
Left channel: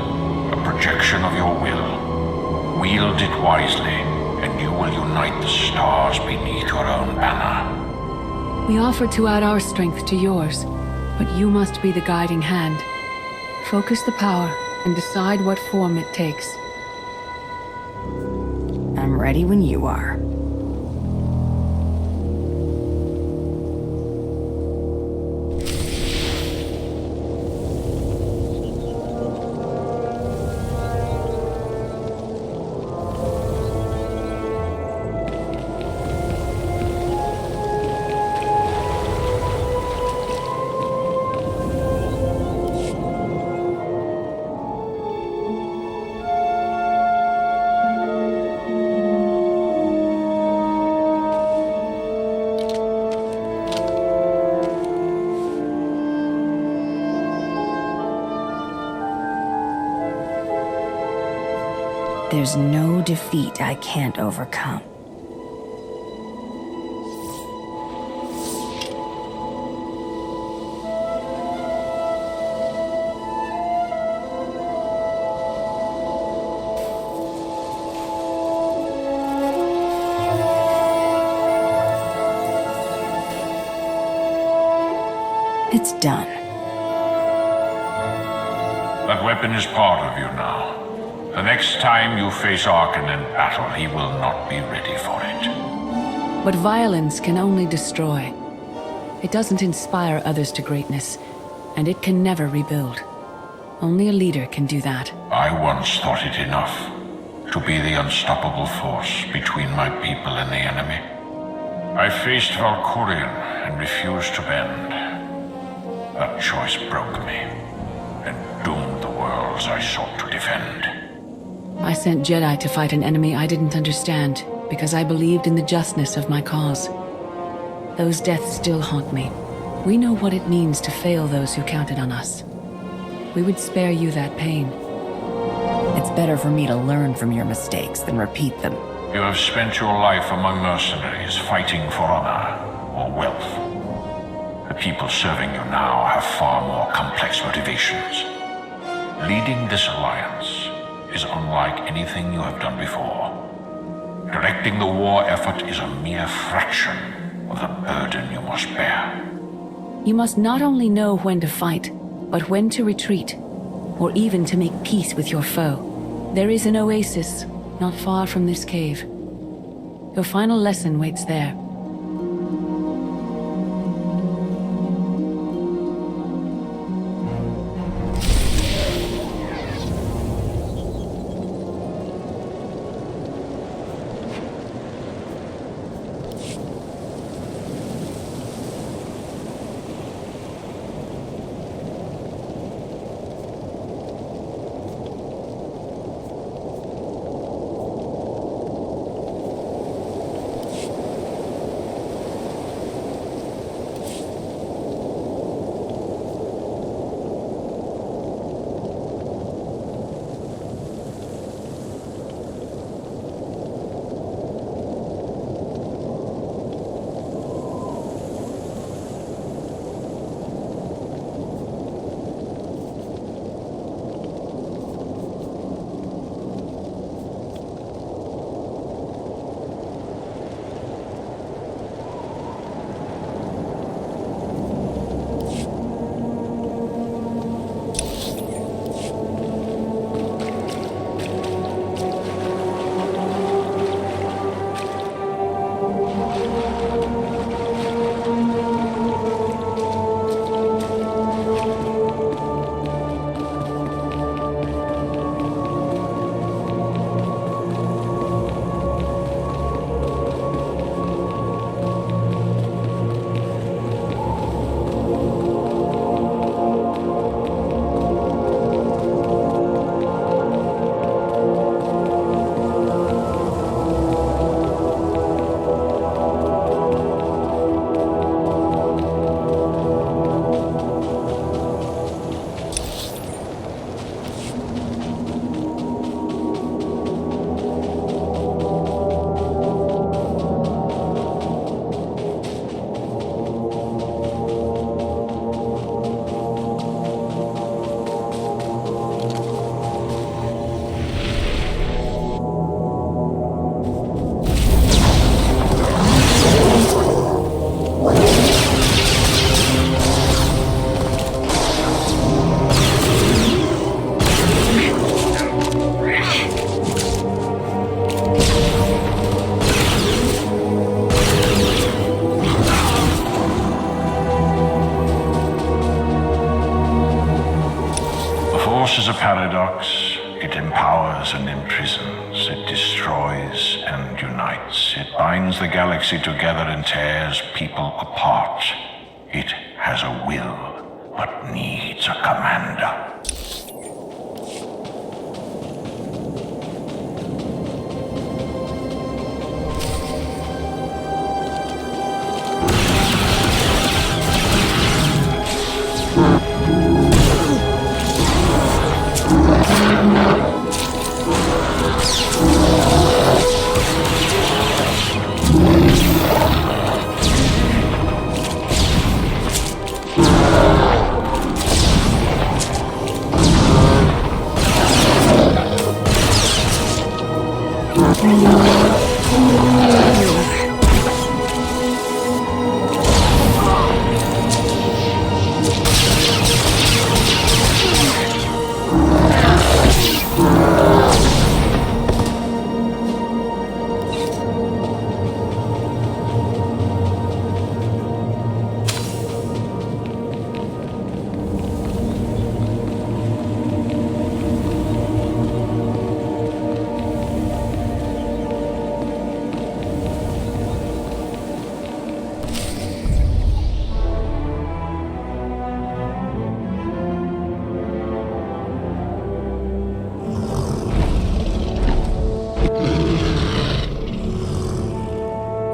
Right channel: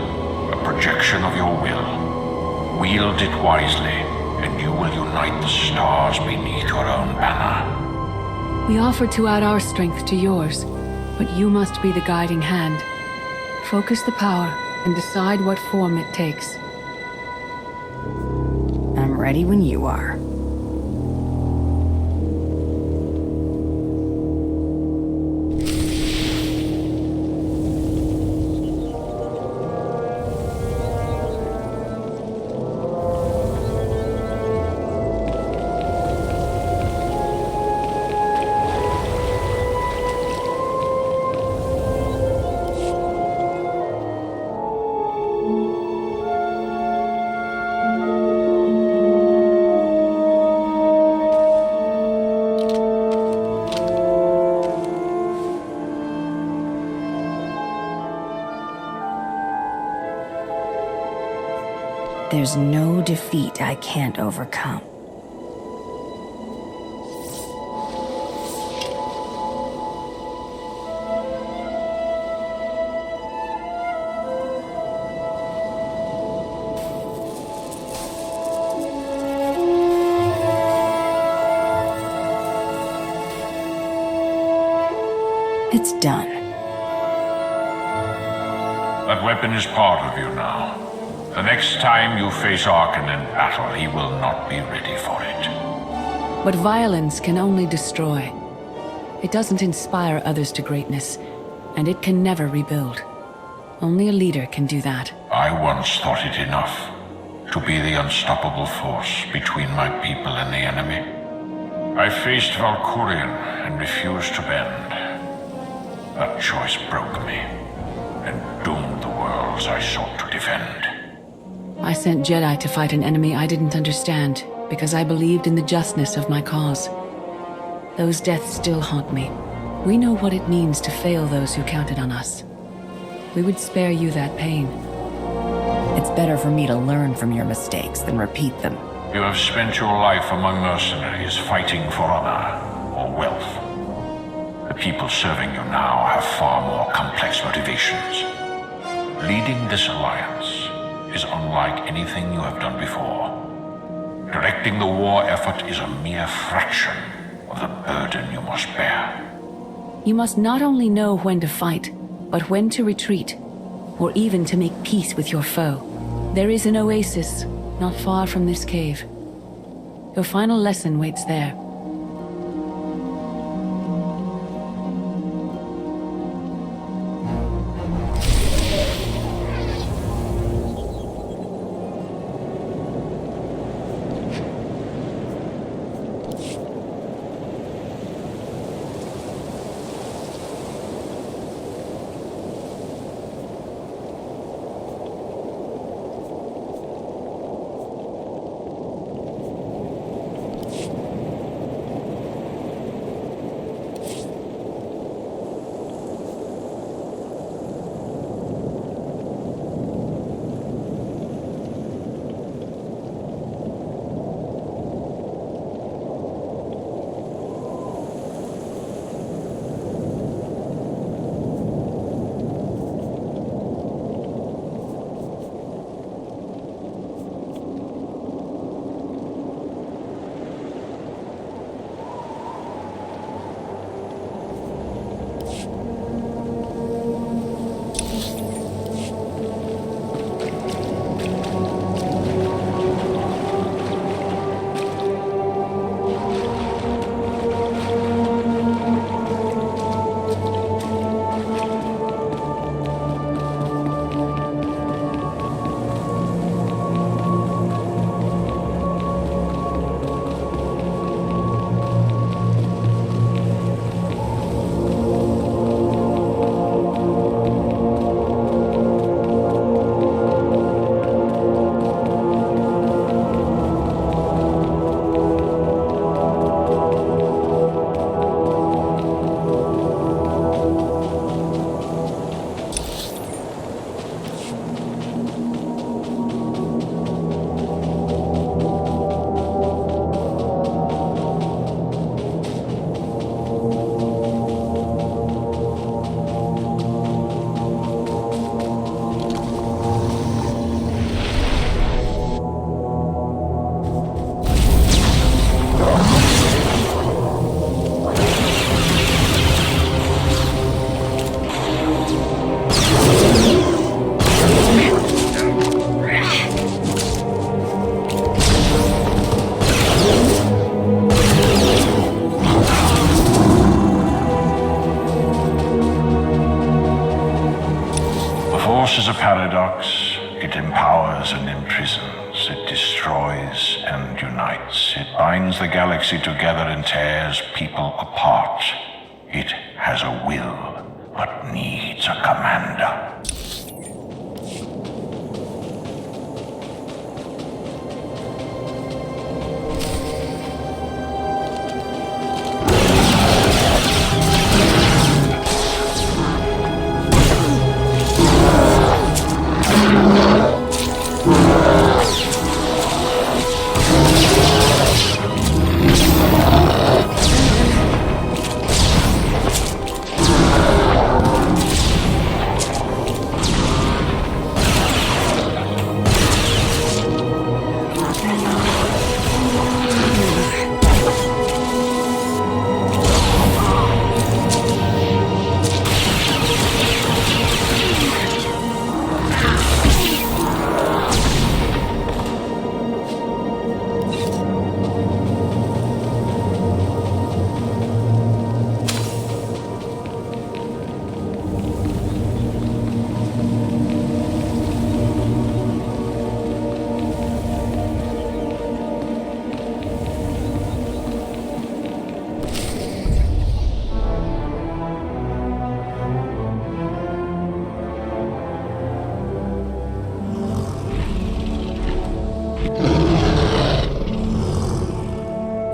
A projection of your will. Wield it wisely, and you will unite the stars beneath your own banner. We offer to add our strength to yours, but you must be the guiding hand. Focus the power and decide what form it takes. I'm ready when you are. There's no defeat I can't overcome. It's done. That weapon is part of you now. The next time you face Arkan in battle, he will not be ready for it. But violence can only destroy. It doesn't inspire others to greatness, and it can never rebuild. Only a leader can do that. I once thought it enough to be the unstoppable force between my people and the enemy. I faced Valkyrion and refused to bend. That choice broke me and doomed the worlds I sought to defend. I sent Jedi to fight an enemy I didn't understand, because I believed in the justness of my cause. Those deaths still haunt me. We know what it means to fail those who counted on us. We would spare you that pain. It's better for me to learn from your mistakes than repeat them. You have spent your life among mercenaries fighting for honor or wealth. The people serving you now have far more complex motivations. Leading this alliance is unlike anything you have done before. Directing the war effort is a mere fraction of the burden you must bear. You must not only know when to fight, but when to retreat, or even to make peace with your foe. There is an oasis not far from this cave. Your final lesson waits there. Force is a paradox. It empowers and imprisons. It destroys and unites. It binds the galaxy together and tears people apart. It has a will, but needs a commander.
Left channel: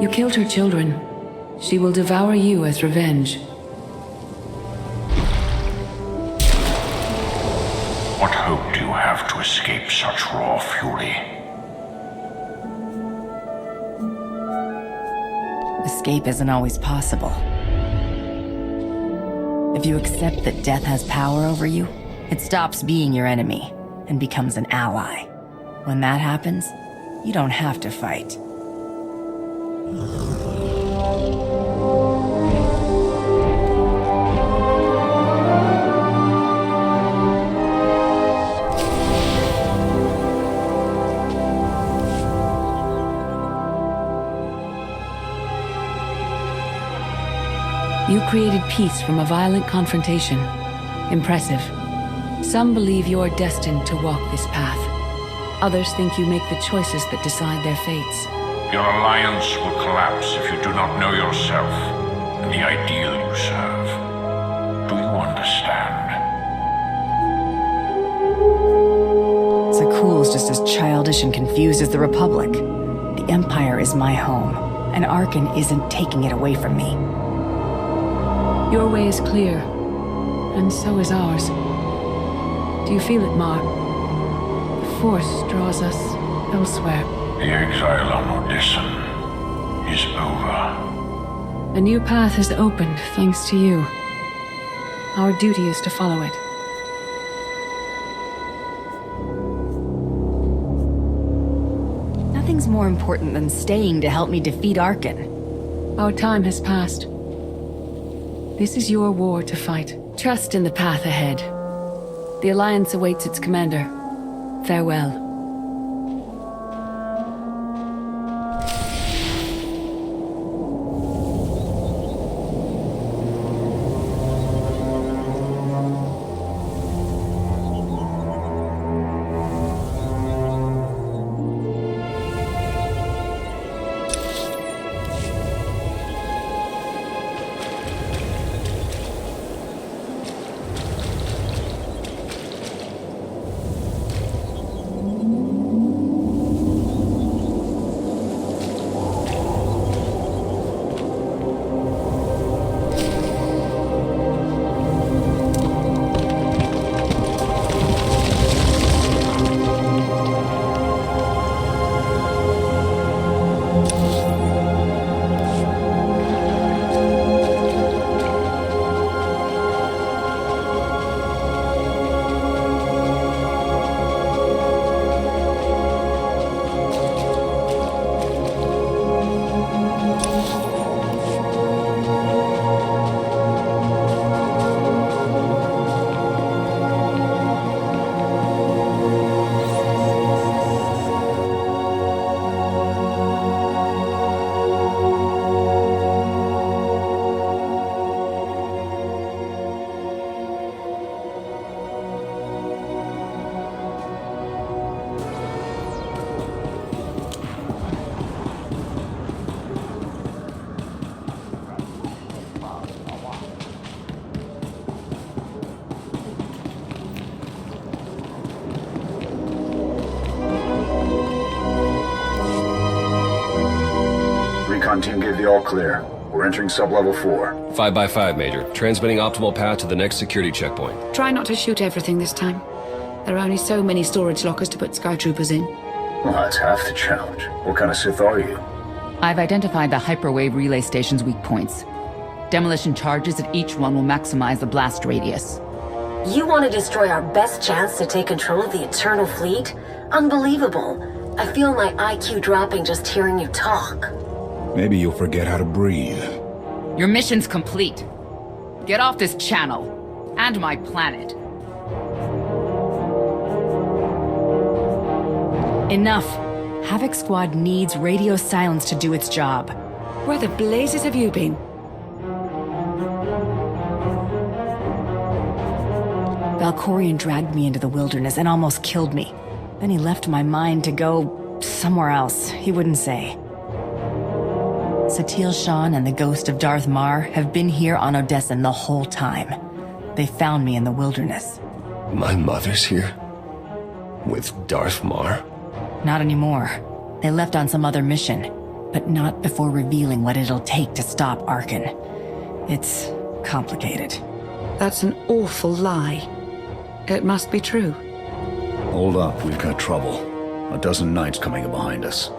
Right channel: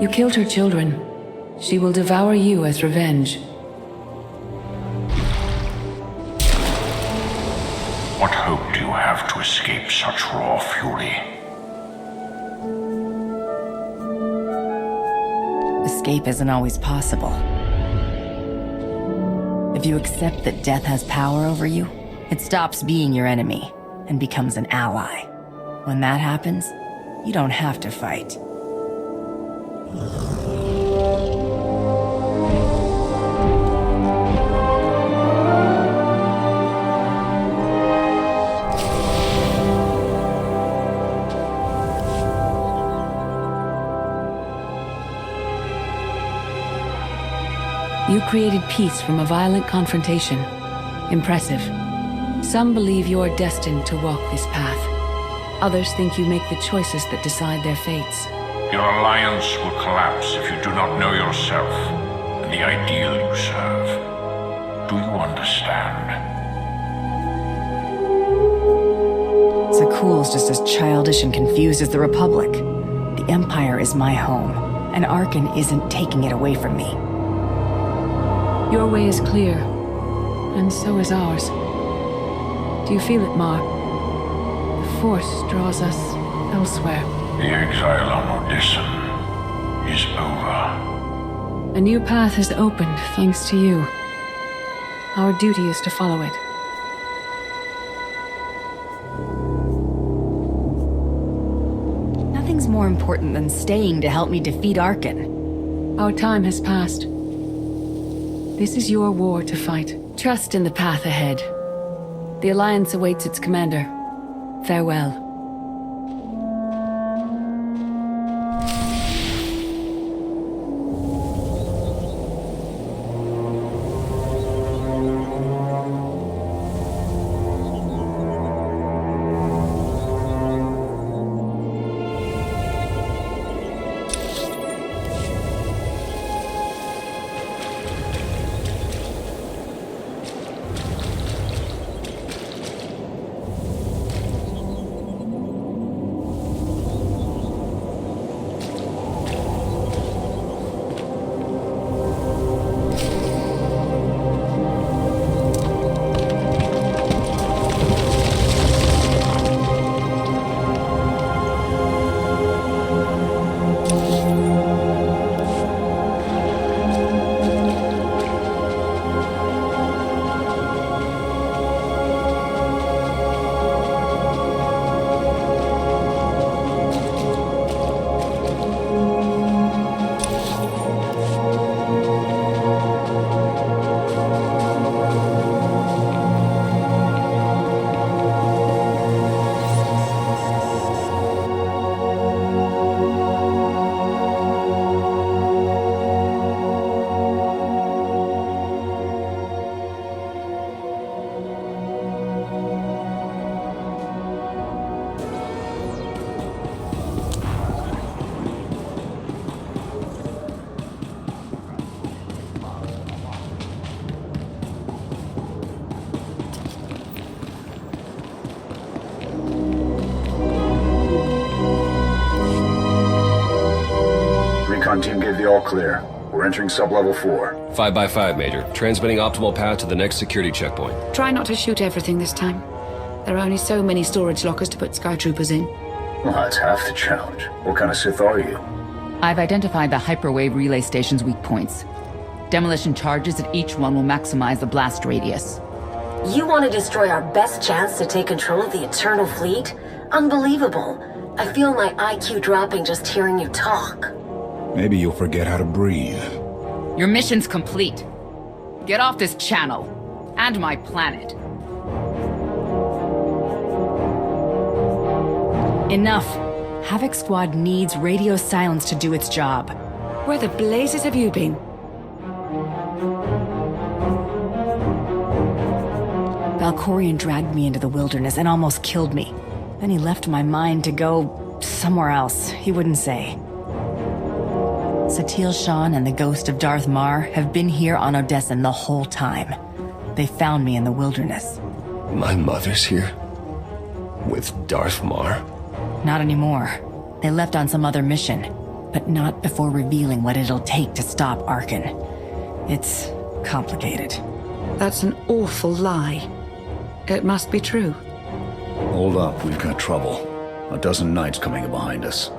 You killed her children. She will devour you as revenge. What hope do you have to escape such raw fury? Escape isn't always possible. If you accept that death has power over you, it stops being your enemy and becomes an ally. When that happens, you don't have to fight. You created peace from a violent confrontation. Impressive. Some believe you are destined to walk this path. Others think you make the choices that decide their fates. Your alliance will collapse if you do not know yourself and the ideal you serve. Do you understand? Zakuul's just as childish and confused as the Republic. The Empire is my home, and Arkan isn't taking it away from me. Your way is clear, and so is ours. Do you feel it, Mar? The Force draws us elsewhere. The exile on Odysseum is over. A new path has opened thanks to you. Our duty is to follow it. Nothing's more important than staying to help me defeat Arkan. Our time has passed. This is your war to fight. Trust in the path ahead. The Alliance awaits its commander. Farewell. Recon team gave the all clear. We're entering sub-level 4. 5x5, Major. Transmitting optimal path to the next security checkpoint. Try not to shoot everything this time. There are only so many storage lockers to put Skytroopers in. Well, that's half the challenge. What kind of Sith are you? I've identified the hyperwave relay station's weak points. Demolition charges at each one will maximize the blast radius. You want to destroy our best chance to take control of the Eternal Fleet? Unbelievable. I feel my IQ dropping just hearing you talk. Maybe you'll forget how to breathe. Your mission's complete. Get off this channel. And my planet. Enough. Havoc Squad needs radio silence to do its job. Where the blazes have you been? Valkyrion dragged me into the wilderness and almost killed me. Then he left my mind to go somewhere else. He wouldn't say. Satil Shan and the ghost of Darth Mar have been here on Odessen the whole time. They found me in the wilderness. My mother's here? With Darth Mar? Not anymore. They left on some other mission, but not before revealing what it'll take to stop Arkan. It's complicated. That's an awful lie. It must be true. Hold up, we've got trouble. A dozen knights coming in behind us.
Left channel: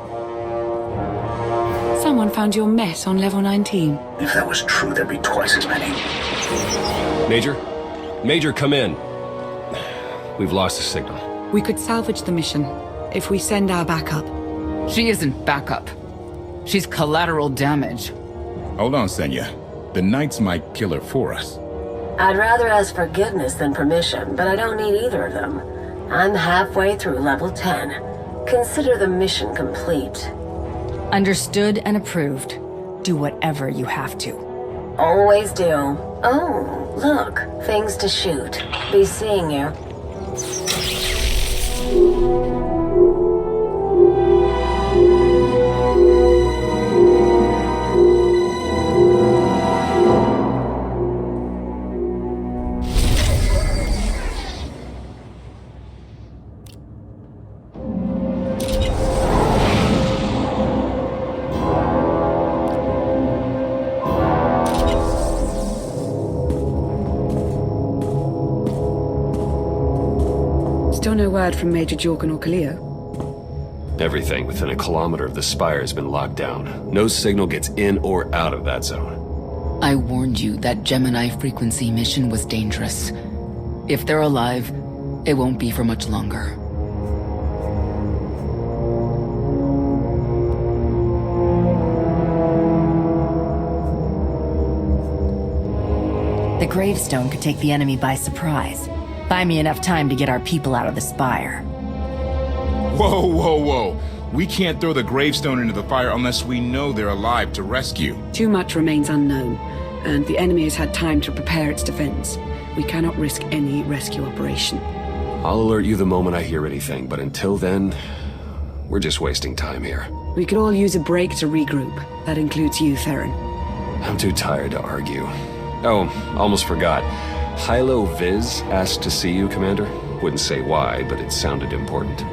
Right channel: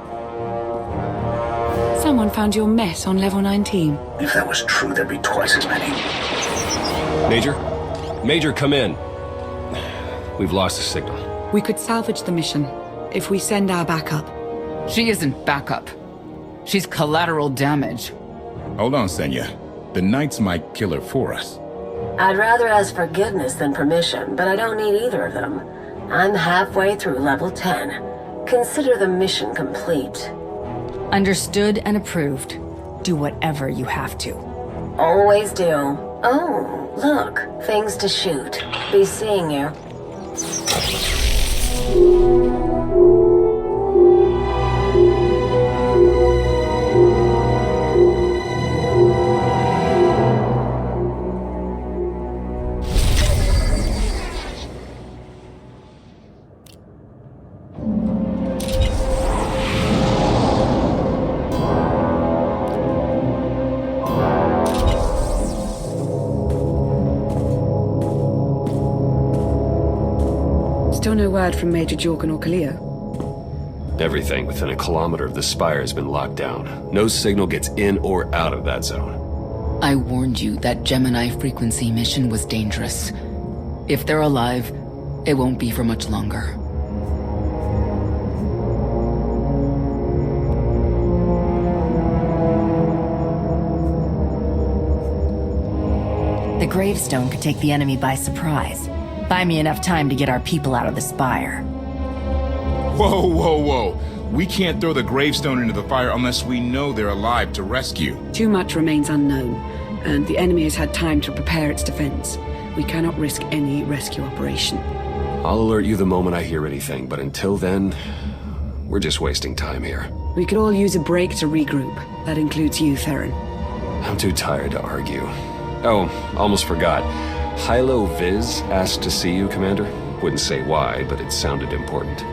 Someone found your mess on level 19. If that was true, there'd be twice as many. Major? Major, come in. We've lost the signal. We could salvage the mission if we send our backup. She isn't backup. She's collateral damage. Hold on, Senya. The Knights might kill her for us. I'd rather ask forgiveness than permission, but I don't need either of them. I'm halfway through level 10. Consider the mission complete. Understood and approved. Do whatever you have to. Always do. Oh, look. Things to shoot. Be seeing you. Still no word from Major Jorgen or Kaleo? Everything within a kilometer of the spire has been locked down. No signal gets in or out of that zone. I warned you that Gemini frequency mission was dangerous. If they're alive, it won't be for much longer. The gravestone could take the enemy by surprise. Buy me enough time to get our people out of the spire. Whoa, whoa, whoa. We can't throw the gravestone into the fire unless we know they're alive to rescue. Too much remains unknown, and the enemy has had time to prepare its defense. We cannot risk any rescue operation. I'll alert you the moment I hear anything, but until then, we're just wasting time here. We could all use a break to regroup. That includes you, Theron. I'm too tired to argue. Oh, almost forgot. Hylo Viz asked to see you, Commander. Wouldn't say why, but it sounded important.